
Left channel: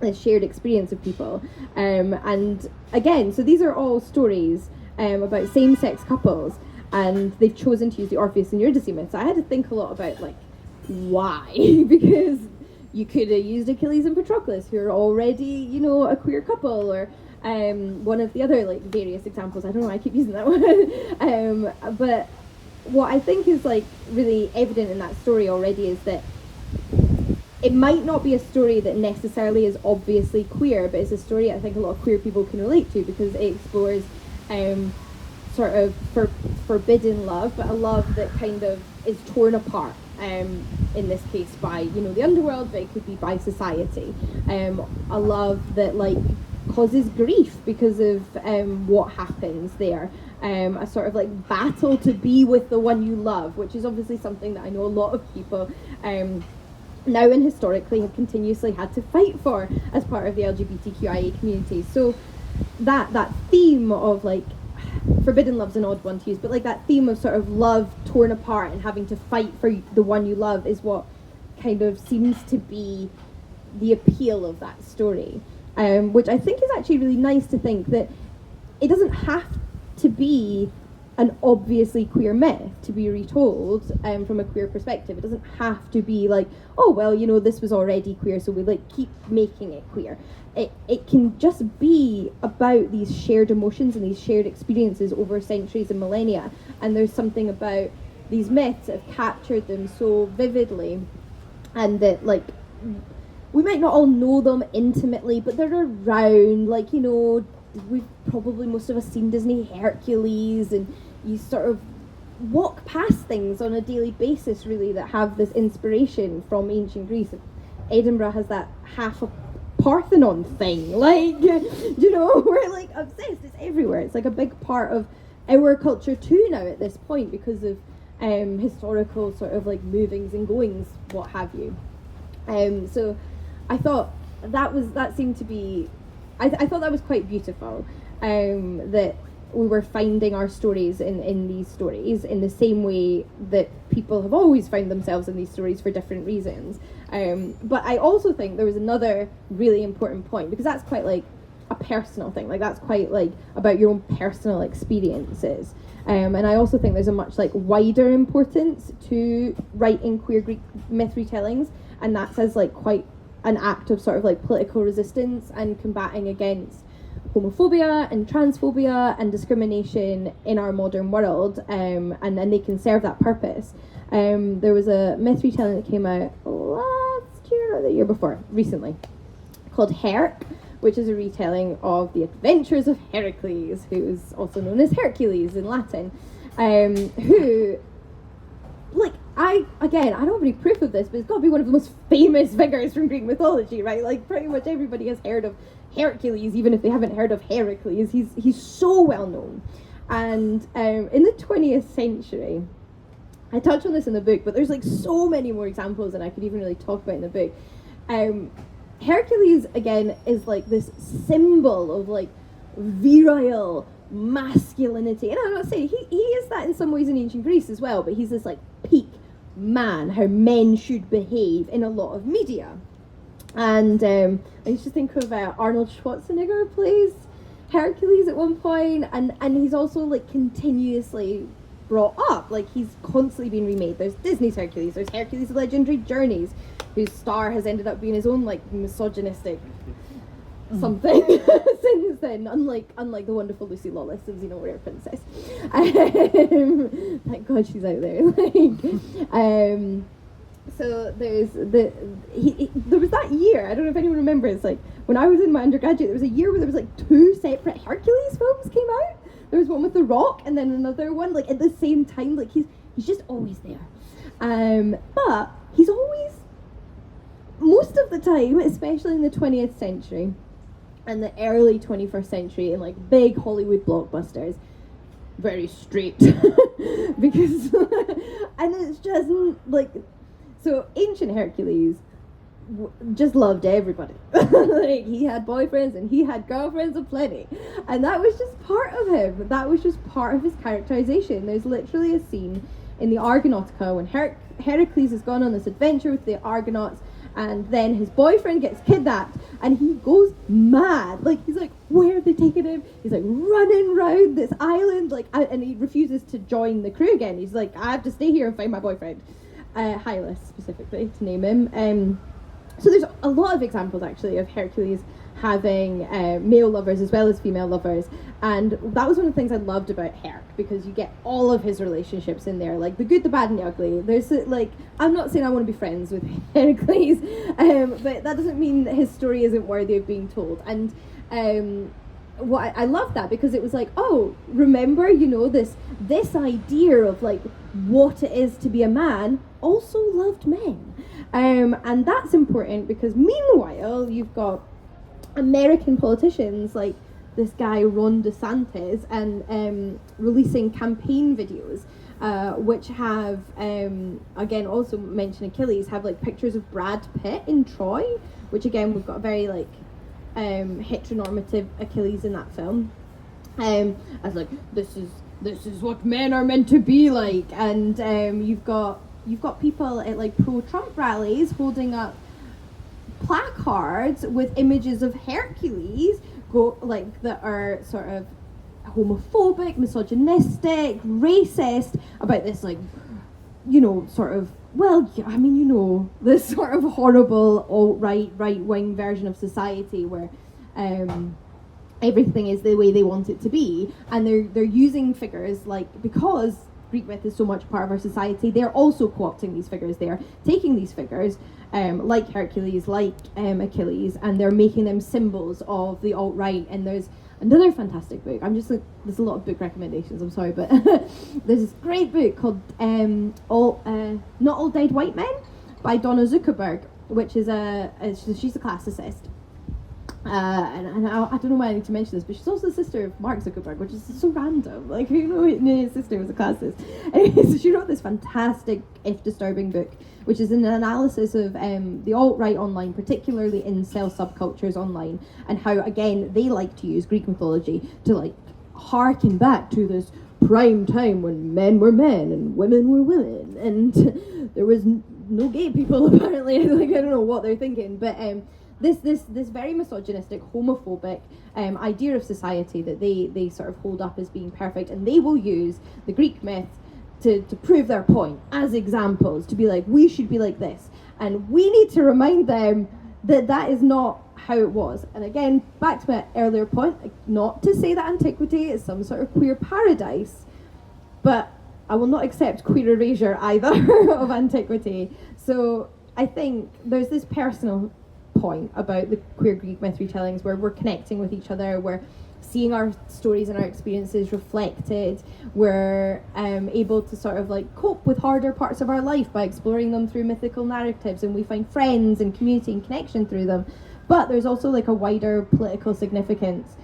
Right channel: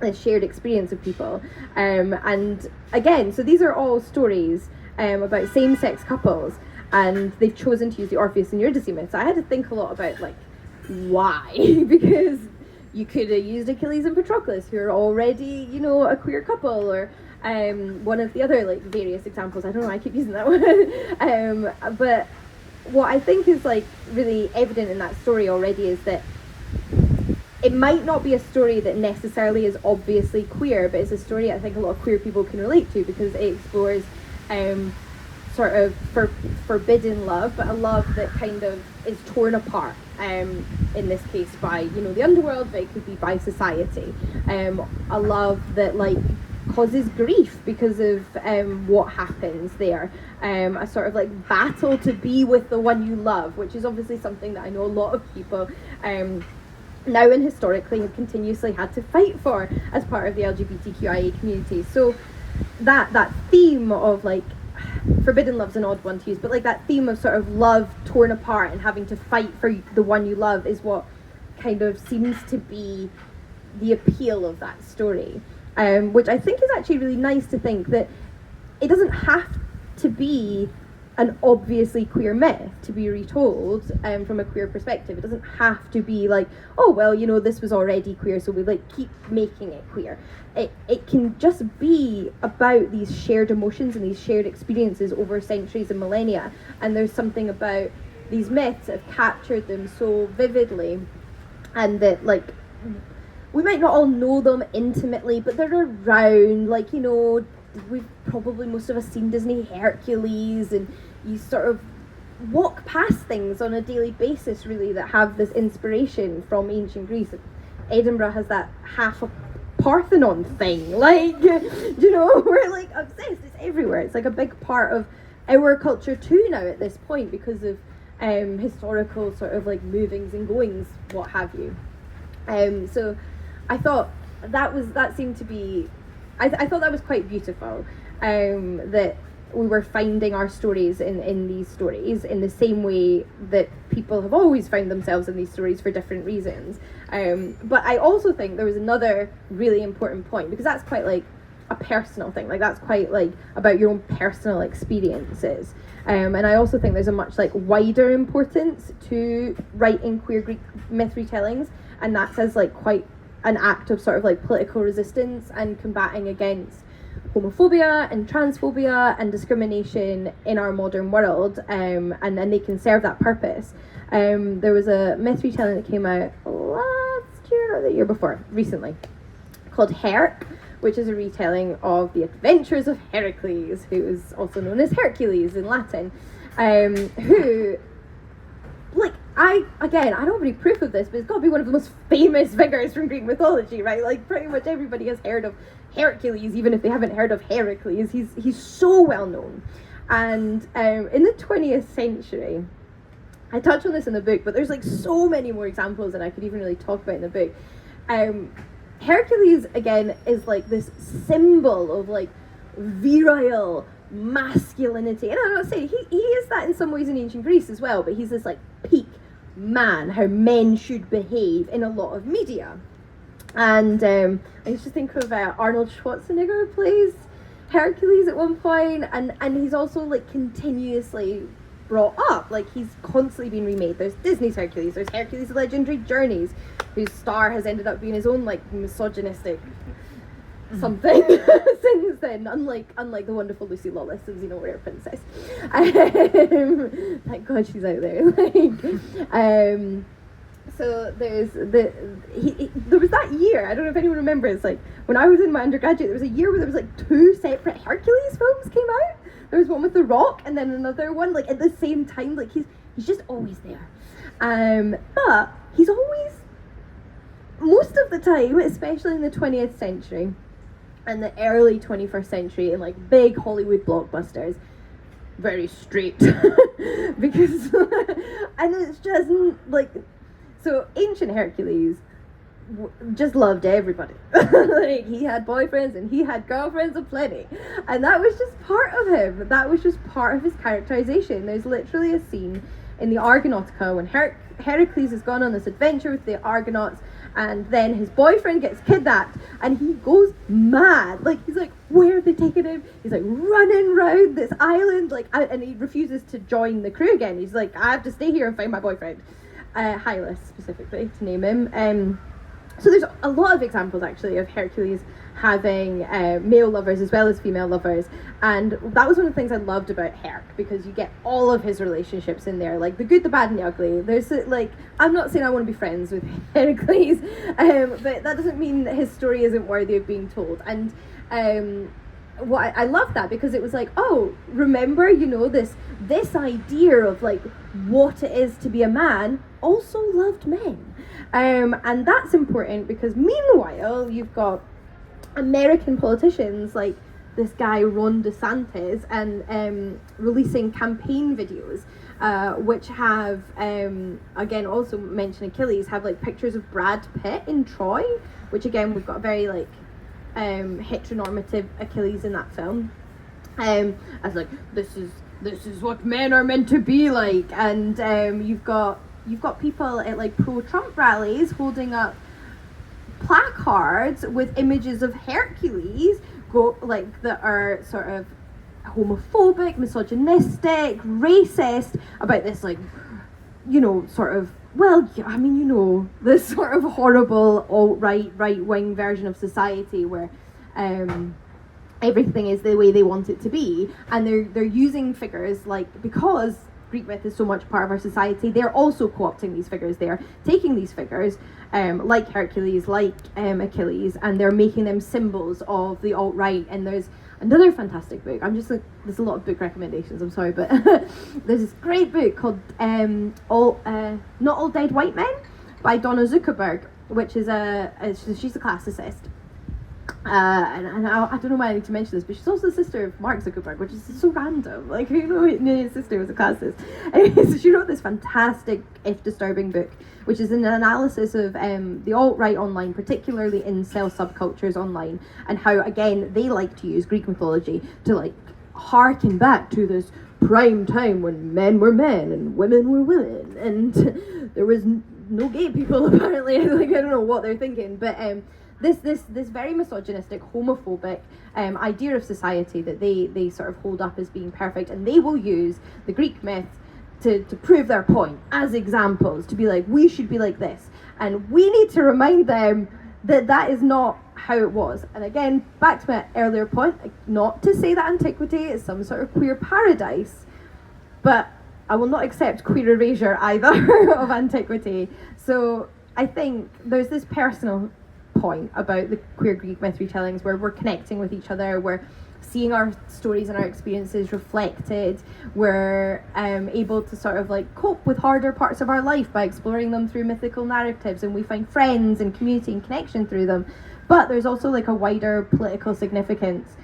this shared experience of people. And again, so these are all stories about same-sex couples, and they've chosen to use the Orpheus and Eurydice myth. So I had to think a lot about like why because you could have used Achilles and Patroclus, who are already, you know, a queer couple, or one of the other like various examples. I don't know why I keep using that one. But what I think is like really evident in that story already is that it might not be a story that necessarily is obviously queer, but it's a story I think a lot of queer people can relate to, because it explores sort of forbidden love, but a love that kind of is torn apart, in this case by, you know, the underworld, but it could be by society. A love that like causes grief because of what happens there. A sort of like battle to be with the one you love, which is obviously something that I know a lot of people now and historically have continuously had to fight for as part of the LGBTQIA community. So that theme of like, forbidden love's an odd one to use, but like that theme of sort of love torn apart and having to fight for the one you love is what kind of seems to be the appeal of that story, which I think is actually really nice to think that it doesn't have to be an obviously queer myth to be retold from a queer perspective. It doesn't have to be like, oh well, you know, this was already queer, so we like keep making it queer. It can just be about these shared emotions and these shared experiences over centuries and millennia, and there's something about these myths that have captured them so vividly, and that like we might not all know them intimately, but they're around. Like, you know, we've probably, most of us, seen Disney Hercules, and you sort of walk past things on a daily basis really that have this inspiration from ancient Greece. Edinburgh has that half a Parthenon thing, like, you know, we're like obsessed. It's everywhere. It's like a big part of our culture too now at this point because of historical sort of like movings and goings, what have you. So I thought that seemed to be, I thought that was quite beautiful, that we were finding our stories in these stories in the same way that people have always found themselves in these stories for different reasons. But I also think there was another really important point, because that's quite like a personal thing, like that's quite like about your own personal experiences. And I also think there's a much like wider importance to writing queer Greek myth retellings, and that's as like quite an act of sort of like political resistance and combating against homophobia and transphobia and discrimination in our modern world, and they can serve that purpose. There was a myth retelling that came out last year or the year before, recently, called Herc, which is a retelling of the adventures of Heracles, who is also known as Hercules in Latin, who, like, I don't have any proof of this, but it's got to be one of the most famous figures from Greek mythology, right? Like, pretty much everybody has heard of Hercules, even if they haven't heard of Heracles. He's so well known. And in the 20th century, I touch on this in the book, but there's like so many more examples than I could even really talk about in the book. Hercules, again, is like this symbol of like virile masculinity, and I'm not saying he is that in some ways in ancient Greece as well, but he's this like peak man, how men should behave in a lot of media. And I used to think of Arnold Schwarzenegger plays Hercules at one point, and he's also like continuously brought up, like he's constantly being remade. There's Disney's Hercules, there's Hercules' Legendary Journeys, whose star has ended up being his own like misogynistic something since then, unlike the wonderful Lucy Lawless and Xena Warrior Princess. Thank God she's out there. Like, so there's there was that year, I don't know if anyone remembers, like when I was in my undergraduate, there was a year where there was like 2 separate Hercules films came out. There was one with The Rock and then another one like at the same time. Like he's just always there, but he's always, most of the time, especially in the 20th century and the early 21st century, in like big Hollywood blockbusters, very straight. Because and it's just like, so ancient Hercules just loved everybody. Like he had boyfriends and he had girlfriends aplenty, and that was just part of him. That was just part of his characterization. There's literally a scene in the Argonautica when Heracles has gone on this adventure with the Argonauts, and then his boyfriend gets kidnapped and he goes mad. Like he's like, where are they taking him? He's like running around this island, like, and he refuses to join the crew again. He's like, I have to stay here and find my boyfriend, Hylas specifically to name him. So there's a lot of examples actually of Hercules having male lovers as well as female lovers, and that was one of the things I loved about Herc, because you get all of his relationships in there, like the good, the bad and the ugly. There's like, I'm not saying I want to be friends with Heracles, but that doesn't mean that his story isn't worthy of being told. And I love that, because it was like, oh, remember, you know, this idea of like what it is to be a man also loved men, and that's important, because meanwhile you've got American politicians like this guy Ron DeSantis and releasing campaign videos which have again also mention Achilles, have like pictures of Brad Pitt in Troy, which again we've got a very like heteronormative Achilles in that film, as like this is what men are meant to be like, and you've got people at like pro-Trump rallies holding up placards with images of Hercules that are sort of homophobic, misogynistic, racist, about this like, you know, sort of, well, I mean, you know, this sort of horrible alt-right, right-wing version of society where everything is the way they want it to be, and they're using figures like, because Greek myth is so much part of our society, they're also co-opting these figures. They're taking these figures like Hercules, like Achilles, and they're making them symbols of the alt-right. And there's another fantastic book, there's a lot of book recommendations, I'm sorry, but there's this great book called Not All Dead White Men by Donna Zuckerberg, which is she's a classicist. And I don't know why I need to mention this, but she's also the sister of Mark Zuckerberg, which is so random. Like, who knew his sister was a classicist? Anyway, so she wrote this fantastic, if disturbing, book, which is an analysis of the alt-right online, particularly incel subcultures online, and how, again, they like to use Greek mythology to, like, harken back to this prime time when men were men and women were women, and there was no gay people, apparently. Like, I don't know what they're thinking, but this very misogynistic, homophobic idea of society that they sort of hold up as being perfect, and they will use the Greek myth to prove their point as examples, to be like, we should be like this, and we need to remind them that is not how it was. And again, back to my earlier point, not to say that antiquity is some sort of queer paradise, but I will not accept queer erasure either of antiquity. So I think there's this personal point about the queer Greek myth retellings where we're connecting with each other, we're seeing our stories and our experiences reflected, we're able to sort of like cope with harder parts of our life by exploring them through mythical narratives, and we find friends and community and connection through them. But there's also like a wider political significance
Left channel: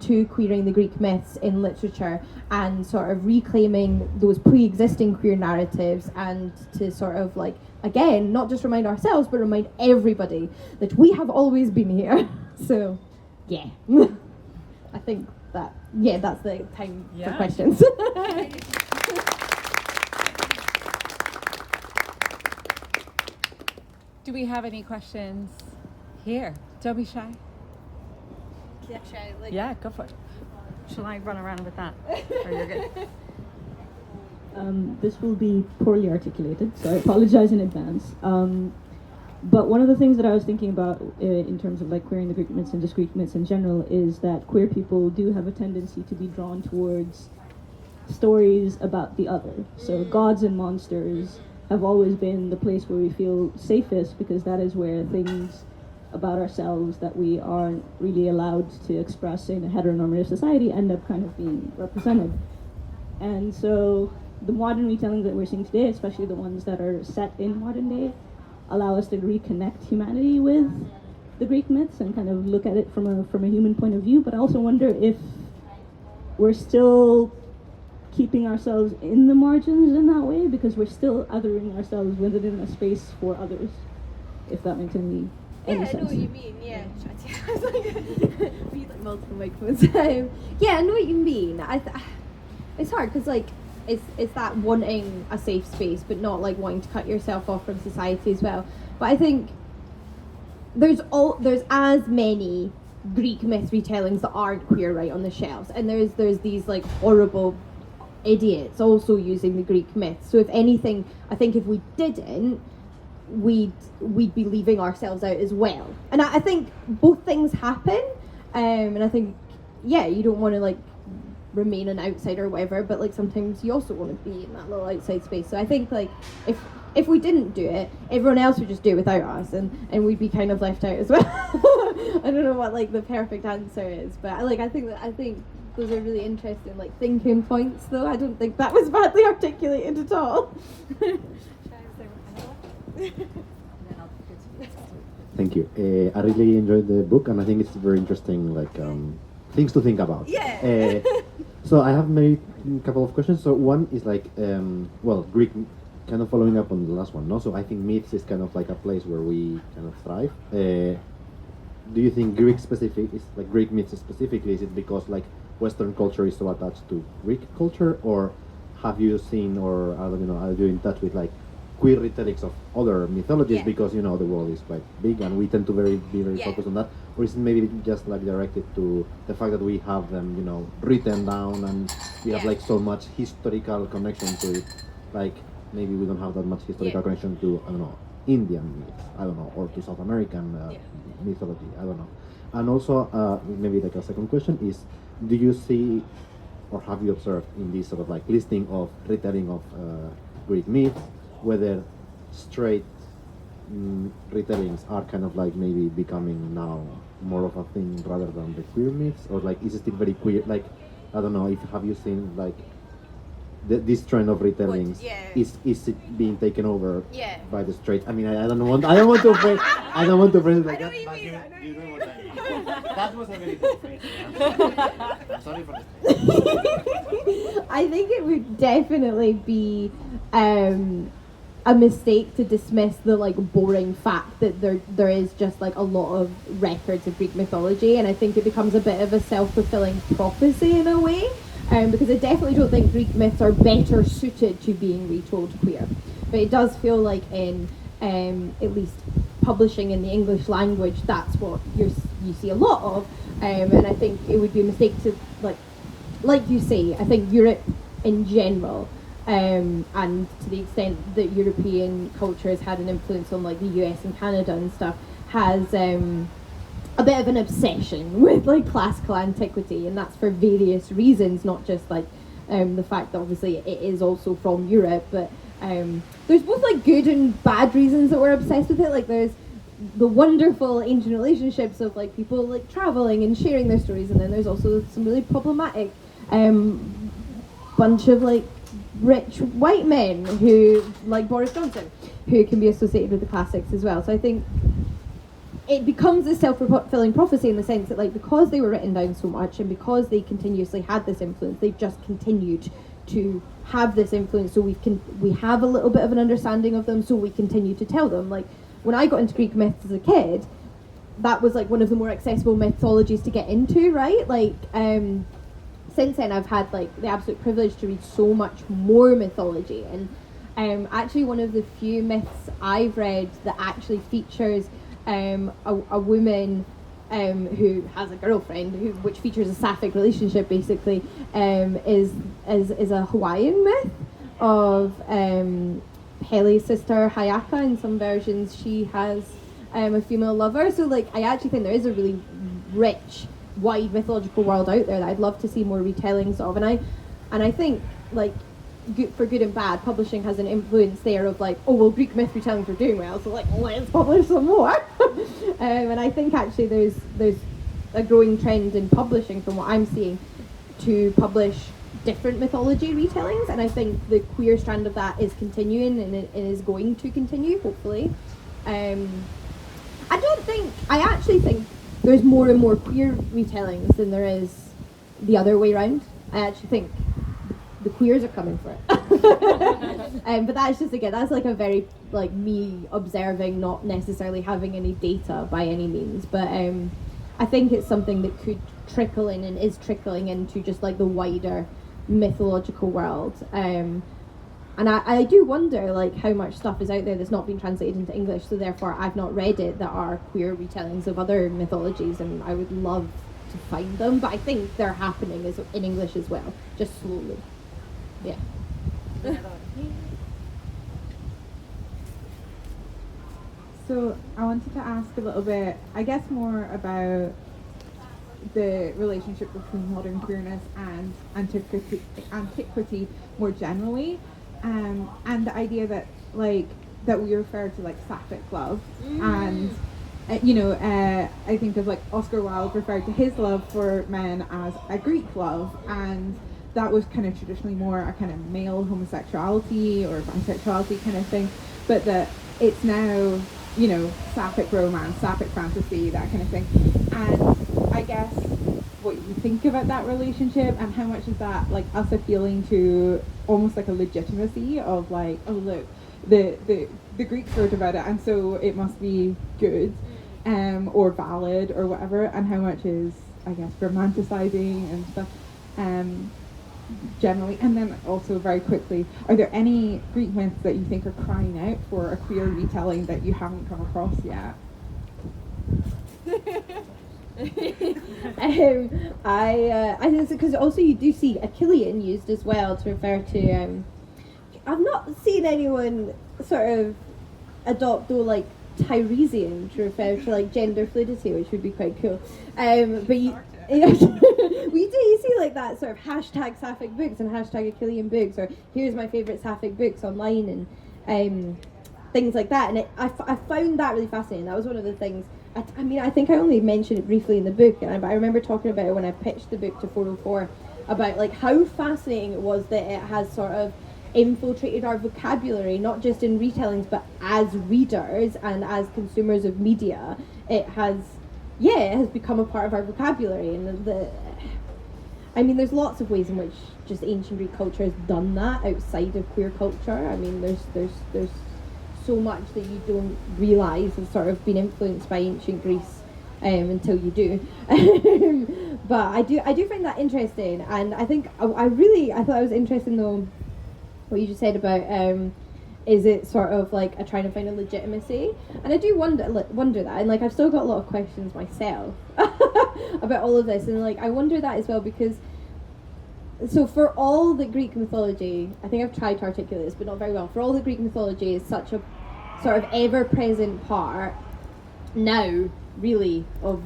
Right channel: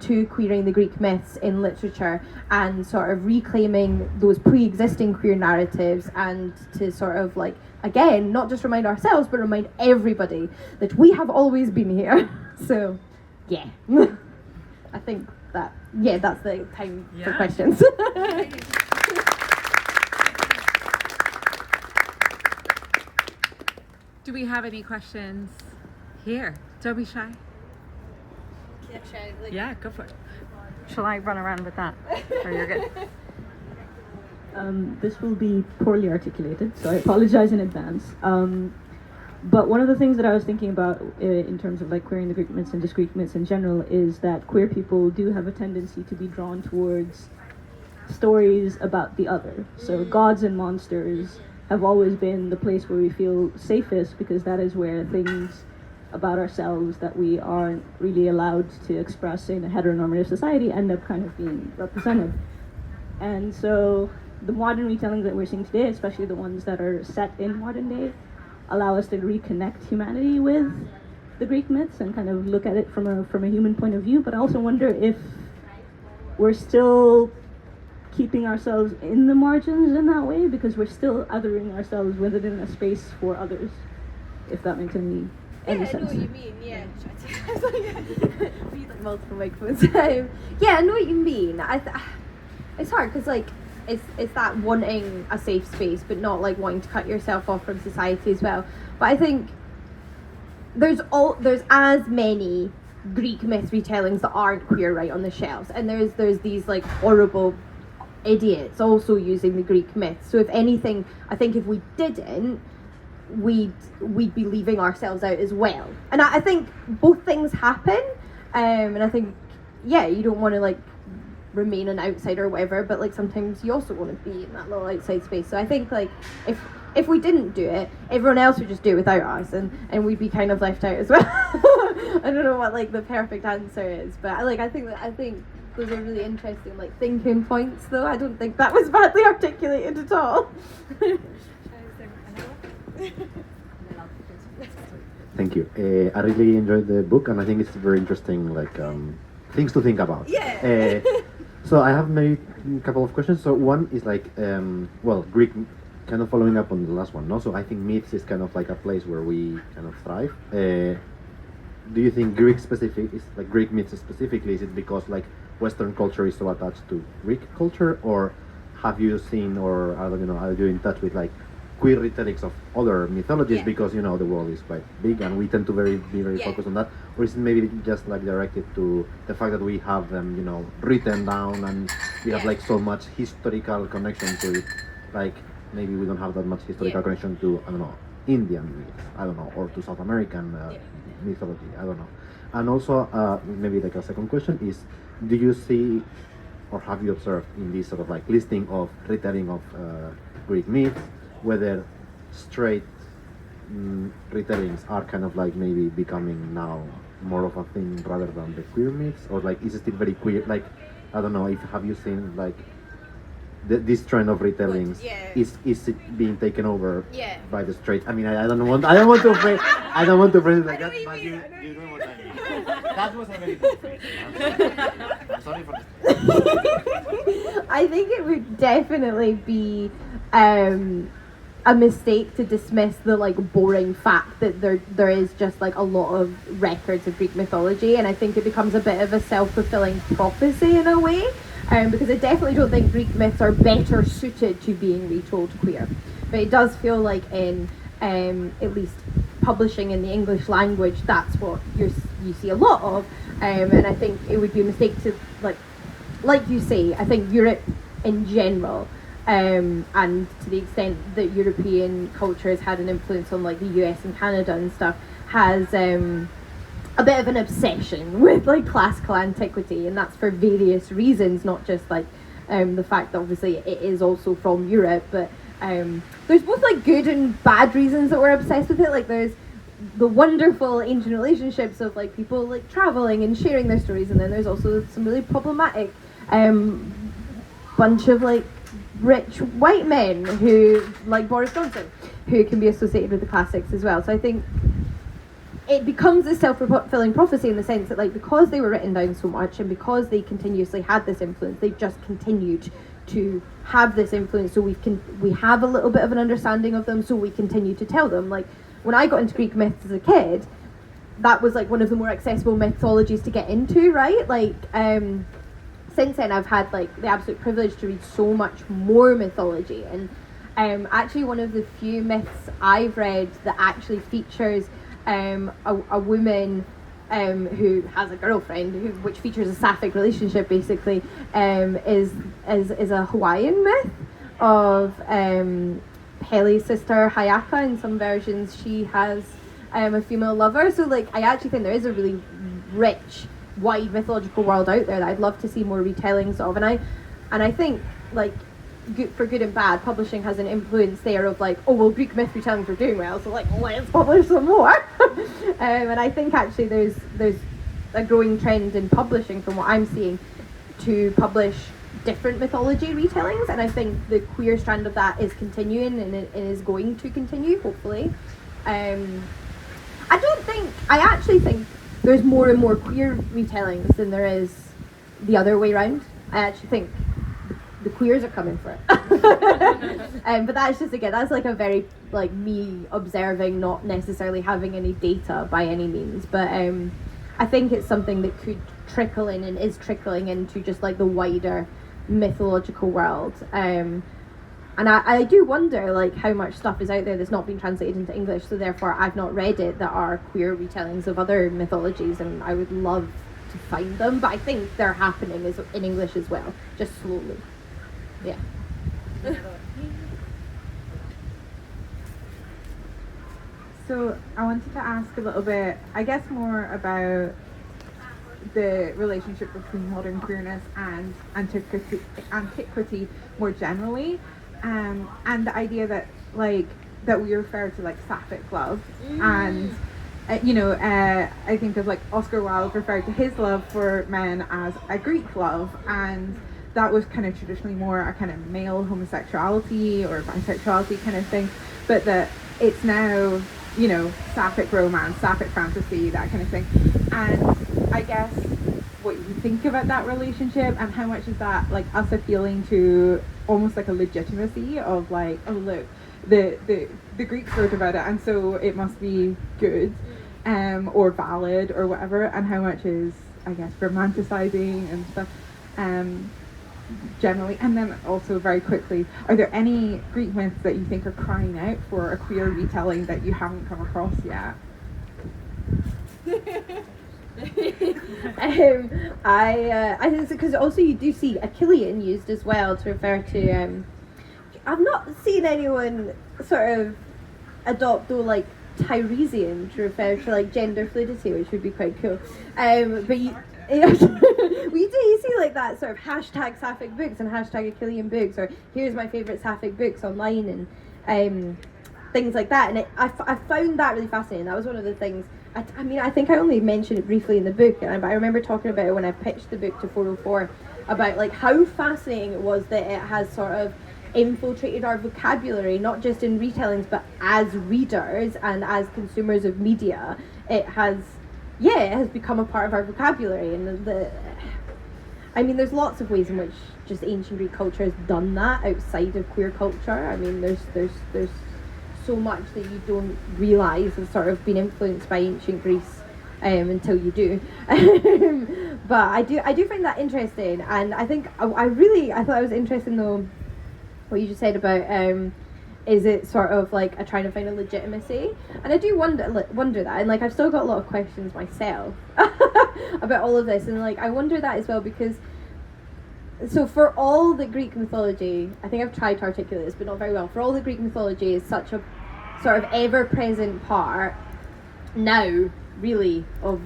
to queering the Greek myths in literature, and sort of reclaiming those pre-existing queer narratives, and to sort of like, again, not just remind ourselves, but remind everybody that we have always been here. So, yeah. I think that, yeah, that's the time for questions. Do we have any questions here? Don't be shy. Yeah, shy, like, Yeah, go for it. Shall I run around with that? Or you're good? This will be poorly articulated, so I apologize in advance. But one of the things that I was thinking about in terms of like queering the Greek myths and just Greek myths in general is that queer people do have a tendency to be drawn towards stories about the other. So gods and monsters have always been the place where we feel safest, because that is where things about ourselves that we aren't really allowed to express in a heteronormative society end up kind of being represented. And so the modern retellings that we're seeing today, especially the ones that are set in modern day, allow us to reconnect humanity with the Greek myths and kind of look at it from a human point of view. But I also wonder if we're still keeping ourselves in the margins in that way, because we're still othering ourselves within a space for others, if that makes any yeah, sense. I know what you mean, yeah. We need like multiple microphones. Yeah, I know what you mean. It's hard because like it's that wanting a safe space, but not like wanting to cut yourself off from society as well. But I think there's as many Greek myth retellings that aren't queer right on the shelves, and there's these like horrible idiots also using the Greek myths. So if anything, I think if we didn't, we'd be leaving ourselves out as well. And I think both things happen, and I think, yeah, you don't want to like remain an outsider or whatever, but like sometimes you also want to be in that little outside space. So I think like if we didn't do it, everyone else would just do it without us, and we'd be kind of left out as well. I don't know what like the perfect answer is, but I think those are really interesting like thinking points, though. I don't think that was badly articulated at all. Thank you. I really enjoyed the book, and I think it's very interesting, like things to think about. Yeah. So I have maybe a couple of questions. So one is like, well, Greek, kind of following up on the last one. No, so I think myths is kind of like a place where we kind of thrive. Do you think Greek specific is like Greek myths specifically? Is it because like Western culture is so attached to Greek culture, or have you seen, or I don't know, are you in touch with like queer retellings of other mythologies? Yeah. Because you know the world is quite big and we tend to be very Yeah. focused on that, or is it maybe just like directed to the fact that we have them, you know, written down and we have Yeah. like so much historical connection to it, like maybe we don't have that much historical Yeah. connection to, I don't know, Indian myths, I don't know, or to South American Yeah. mythology, I don't know. And also maybe like a second question is, do you see or have you observed in this sort of like listing of retelling of Greek myths, whether straight retellings are kind of like maybe becoming now more of a thing rather than the queer myths, or like is it still very queer? Like I don't know if have you seen like this trend of retellings, yeah. is it being taken over Yeah. by the straight? I mean, I don't want to phrase I don't want to phrase it like I know that, what you but mean, I know you what know you what I mean. That was a very good phrase. I'm sorry for this. I think it would definitely be a mistake to dismiss the like boring fact that there is just like a lot of records of Greek mythology, and I think it becomes a bit of a self-fulfilling prophecy in a way, because I definitely don't think Greek myths are better suited to being retold queer, but it does feel like in at least publishing in the English language, that's what you see a lot of, and I think it would be a mistake to like you say, I think Europe in general, and to the extent that European culture has had an influence on like the US and Canada and stuff, has a bit of an obsession with like classical antiquity, and that's for various reasons, not just like the fact that obviously it is also from Europe, but there's both like good and bad reasons that we're obsessed with it. Like there's the wonderful ancient relationships of like people like traveling and sharing their stories, and then there's also some really problematic bunch of like rich white men who like Boris Johnson, who can be associated with the classics as well. So I think it becomes a self-fulfilling prophecy in the sense that like because they were written down so much and because they continuously had this influence, they've just continued to have this influence, so we have a little bit of an understanding of them, so we continue to tell them. Like when I got into Greek myths as a kid, that was like one of the more accessible mythologies to get into, right? Like since then I've had like the absolute privilege to read so much more mythology, and actually one of the few myths I've read that actually features a woman who has a girlfriend, which features a sapphic relationship basically, is a Hawaiian myth of Pele's sister Hayaka. In some versions she has a female lover, so like I actually think there is a really rich wide mythological world out there that I'd love to see more retellings of, and I think like for good and bad, publishing has an influence there of like, oh well, Greek myth retellings are doing well, so like let's publish some more. And I think actually there's a growing trend in publishing from what I'm seeing to publish different mythology retellings, and I think the queer strand of that is continuing, and it is going to continue hopefully. I actually think there's more and more queer retellings than there is the other way around. I actually think the queers are coming for it. But that's just, again, that's like a very like me observing, not necessarily having any data by any means, but I think it's something that could trickle in and is trickling into just like the wider mythological world. And I do wonder like how much stuff is out there that's not been translated into English, so therefore I've not read it, that are queer retellings of other mythologies, and I would love to find them, but I think they're happening in English as well, just slowly. Yeah. So I wanted to ask a little bit, I guess, more about the relationship between modern queerness and antiquity more generally, and the idea that like that we refer to like sapphic love, and I think of like Oscar Wilde referred to his love for men as a Greek love, and that was kind of traditionally more a kind of male homosexuality or bisexuality kind of thing, but that it's now you know, sapphic romance, sapphic fantasy, that kind of thing. And I guess what you think about that relationship, and how much is that like us appealing to almost like a legitimacy of like, oh look, the Greeks wrote about it and so it must be good, or valid or whatever, and how much is, I guess, romanticizing and stuff, generally. And then also very quickly, are there any Greek myths that you think are crying out for a queer retelling that you haven't come across yet? I think because also you do see Achillean used as well to refer to. I've not seen anyone sort of adopt though like Tiresian to refer to like gender fluidity, which would be quite cool. But you. We do, you see like that sort of hashtag sapphic books and hashtag Achillean books, or here's my favourite sapphic books online, and things like that. And I found that really fascinating. That was one of the things. I mean, I think I only mentioned it briefly in the book, but I remember talking about it when I pitched the book to 404, about like how fascinating it was that it has sort of infiltrated our vocabulary, not just in retellings, but as readers and as consumers of media. It has become a part of our vocabulary, and I mean, there's lots of ways in which just ancient Greek culture has done that outside of queer culture. I mean, there's so much that you don't realise has sort of been influenced by ancient Greece until you do. But I do find that interesting, and I think I thought it was interesting though what you just said about is it sort of like a trying to find a legitimacy, and I do wonder that, and like I've still got a lot of questions myself about all of this, and like I wonder that as well, because so for all the Greek mythology, I think I've tried to articulate this but not very well, for all the Greek mythology is such a sort of ever-present part now really of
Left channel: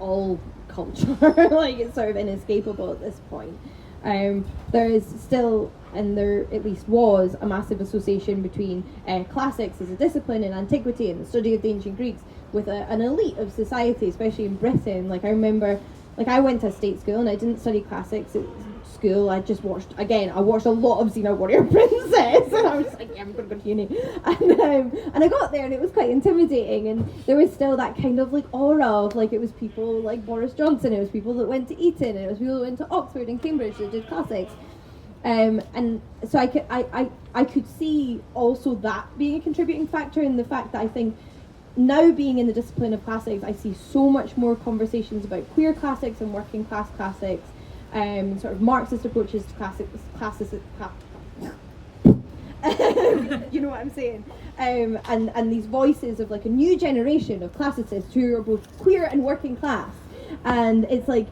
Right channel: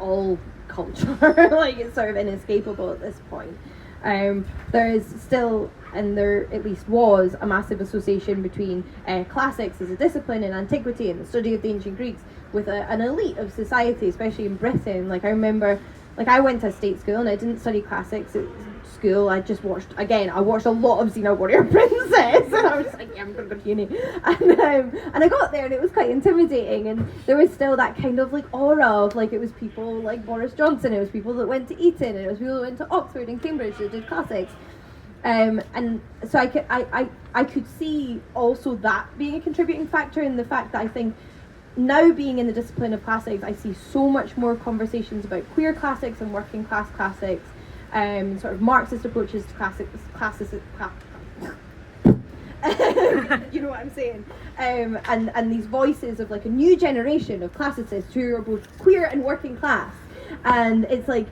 all culture. Like it's sort of inescapable at this point. There is still, and there at least was, a massive association between classics as a discipline in antiquity and the study of the ancient Greeks with an elite of society, especially in Britain. Like I remember, like I went to a state school and I didn't study classics at school. I just watched a lot of Xena Warrior Princess, and I was like, yeah, I'm gonna go to uni. And I got there and it was quite intimidating, and there was still that kind of like aura of like it was people like Boris Johnson, it was people that went to Eton, and it was people that went to Oxford and Cambridge that did classics. And so I could see also that being a contributing factor in the fact that I think now being in the discipline of classics, I see so much more conversations about queer classics and working class classics, sort of Marxist approaches to you know what I'm saying, and these voices of like a new generation of classicists who are both queer and working class, and it's like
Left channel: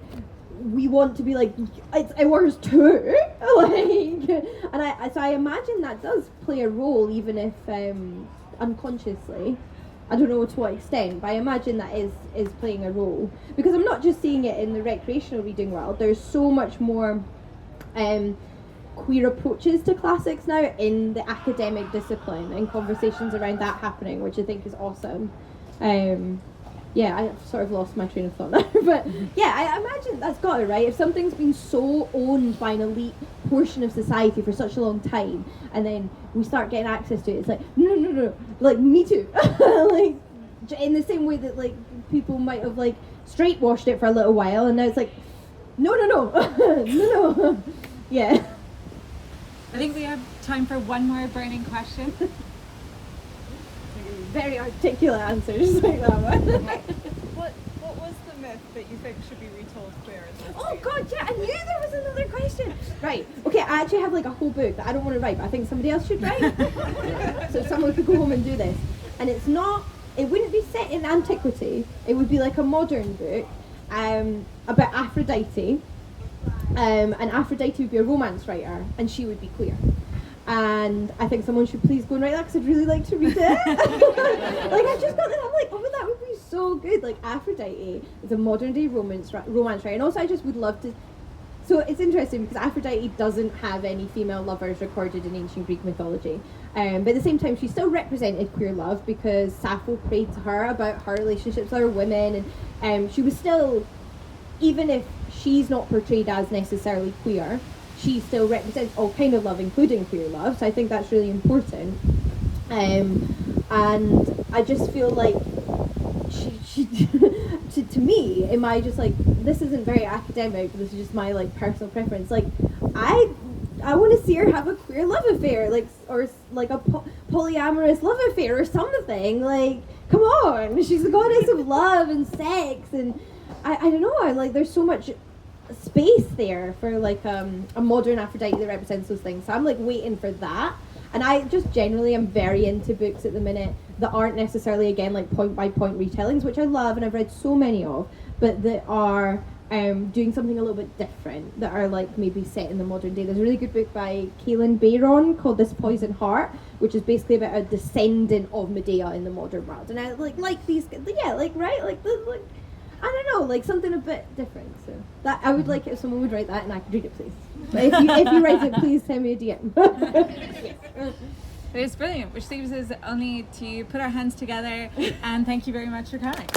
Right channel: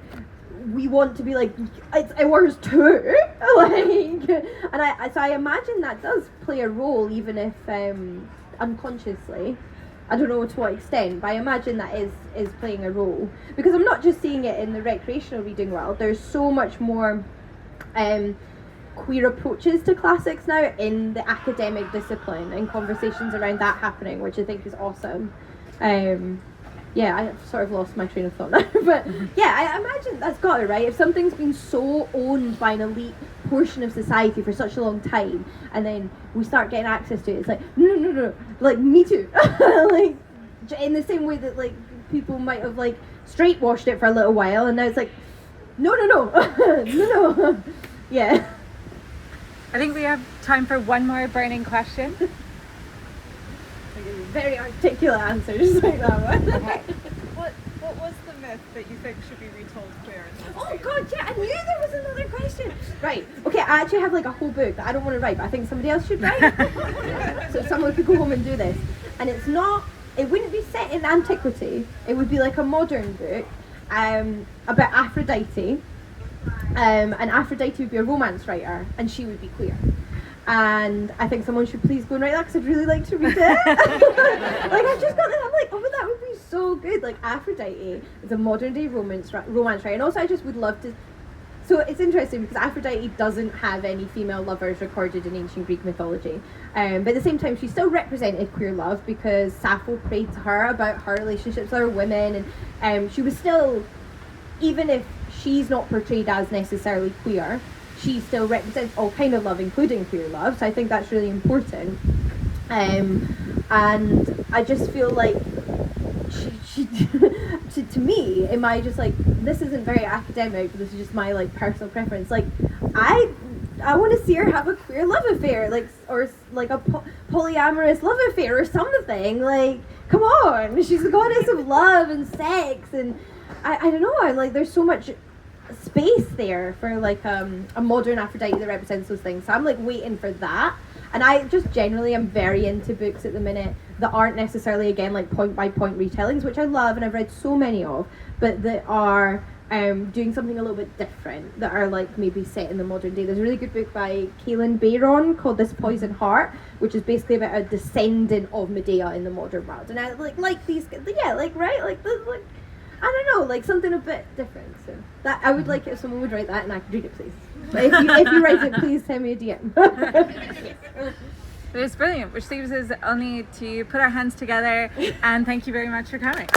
we want to be like it's ours too, like, and so I imagine that does play a role, even if unconsciously. I don't know to what extent, but I imagine that is playing a role, because I'm not just seeing it in the recreational reading world. There's so much more queer approaches to classics now in the academic discipline, and conversations around that happening, which I think is awesome. Yeah, I sort of lost my train of thought now, but yeah, I imagine that's got it, right? If something's been so owned by an elite portion of society for such a long time, and then we start getting access to it, it's like, no, like, me too. Like, in the same way that, like, people might have, like, straight washed it for a little while, and now it's like, no. No. Yeah. I think we have time for one more burning question. Very articulate answers like that one. What was the myth that you think should be retold queer? Oh god, yeah, I knew there was another question. Right, okay, I actually have like a whole book that I don't want to write, but I think somebody else should write. So someone could go home and do this. And it wouldn't be set in antiquity, it would be like a modern book about Aphrodite. And Aphrodite would be a romance writer, and she would be queer. And I think someone should please go and write that, because I'd really like to read it. Like, I just got that, I'm like, oh, that would be so good. Like, Aphrodite is a modern day romance writer, and also I just would love to. So it's interesting because Aphrodite doesn't have any female lovers recorded in ancient Greek mythology, but at the same time she still represented queer love, because Sappho prayed to her about her relationships with other women, and she was still, even if she's not portrayed as necessarily queer, she still represents all kind of love, including queer love. So I think that's really important. and I just feel like she to me, am I just like, this isn't very academic, but this is just my like personal preference. Like, I want to see her have a queer love affair, like, or like a polyamorous love affair or something. Like, come on, she's the goddess of love and sex, and I don't know. I like, there's so much space there for like a modern Aphrodite that represents those things. So I'm like waiting for that. And I just generally am very into books at the minute that aren't necessarily, again, like point by point retellings, which I love and I've read so many of, but that are doing something a little bit different, that are like maybe set in the modern day. There's a really good book by Kaelin Bayron called This Poison Heart, which is basically about a descendant of Medea in the modern world. And I like these, yeah, like, right, like I don't know, like something a bit different. So that I would like it if someone would write that and I could read it, please. But if you write it, please send me a DM. It was brilliant, which leaves us only to put our hands together and thank you very much for coming.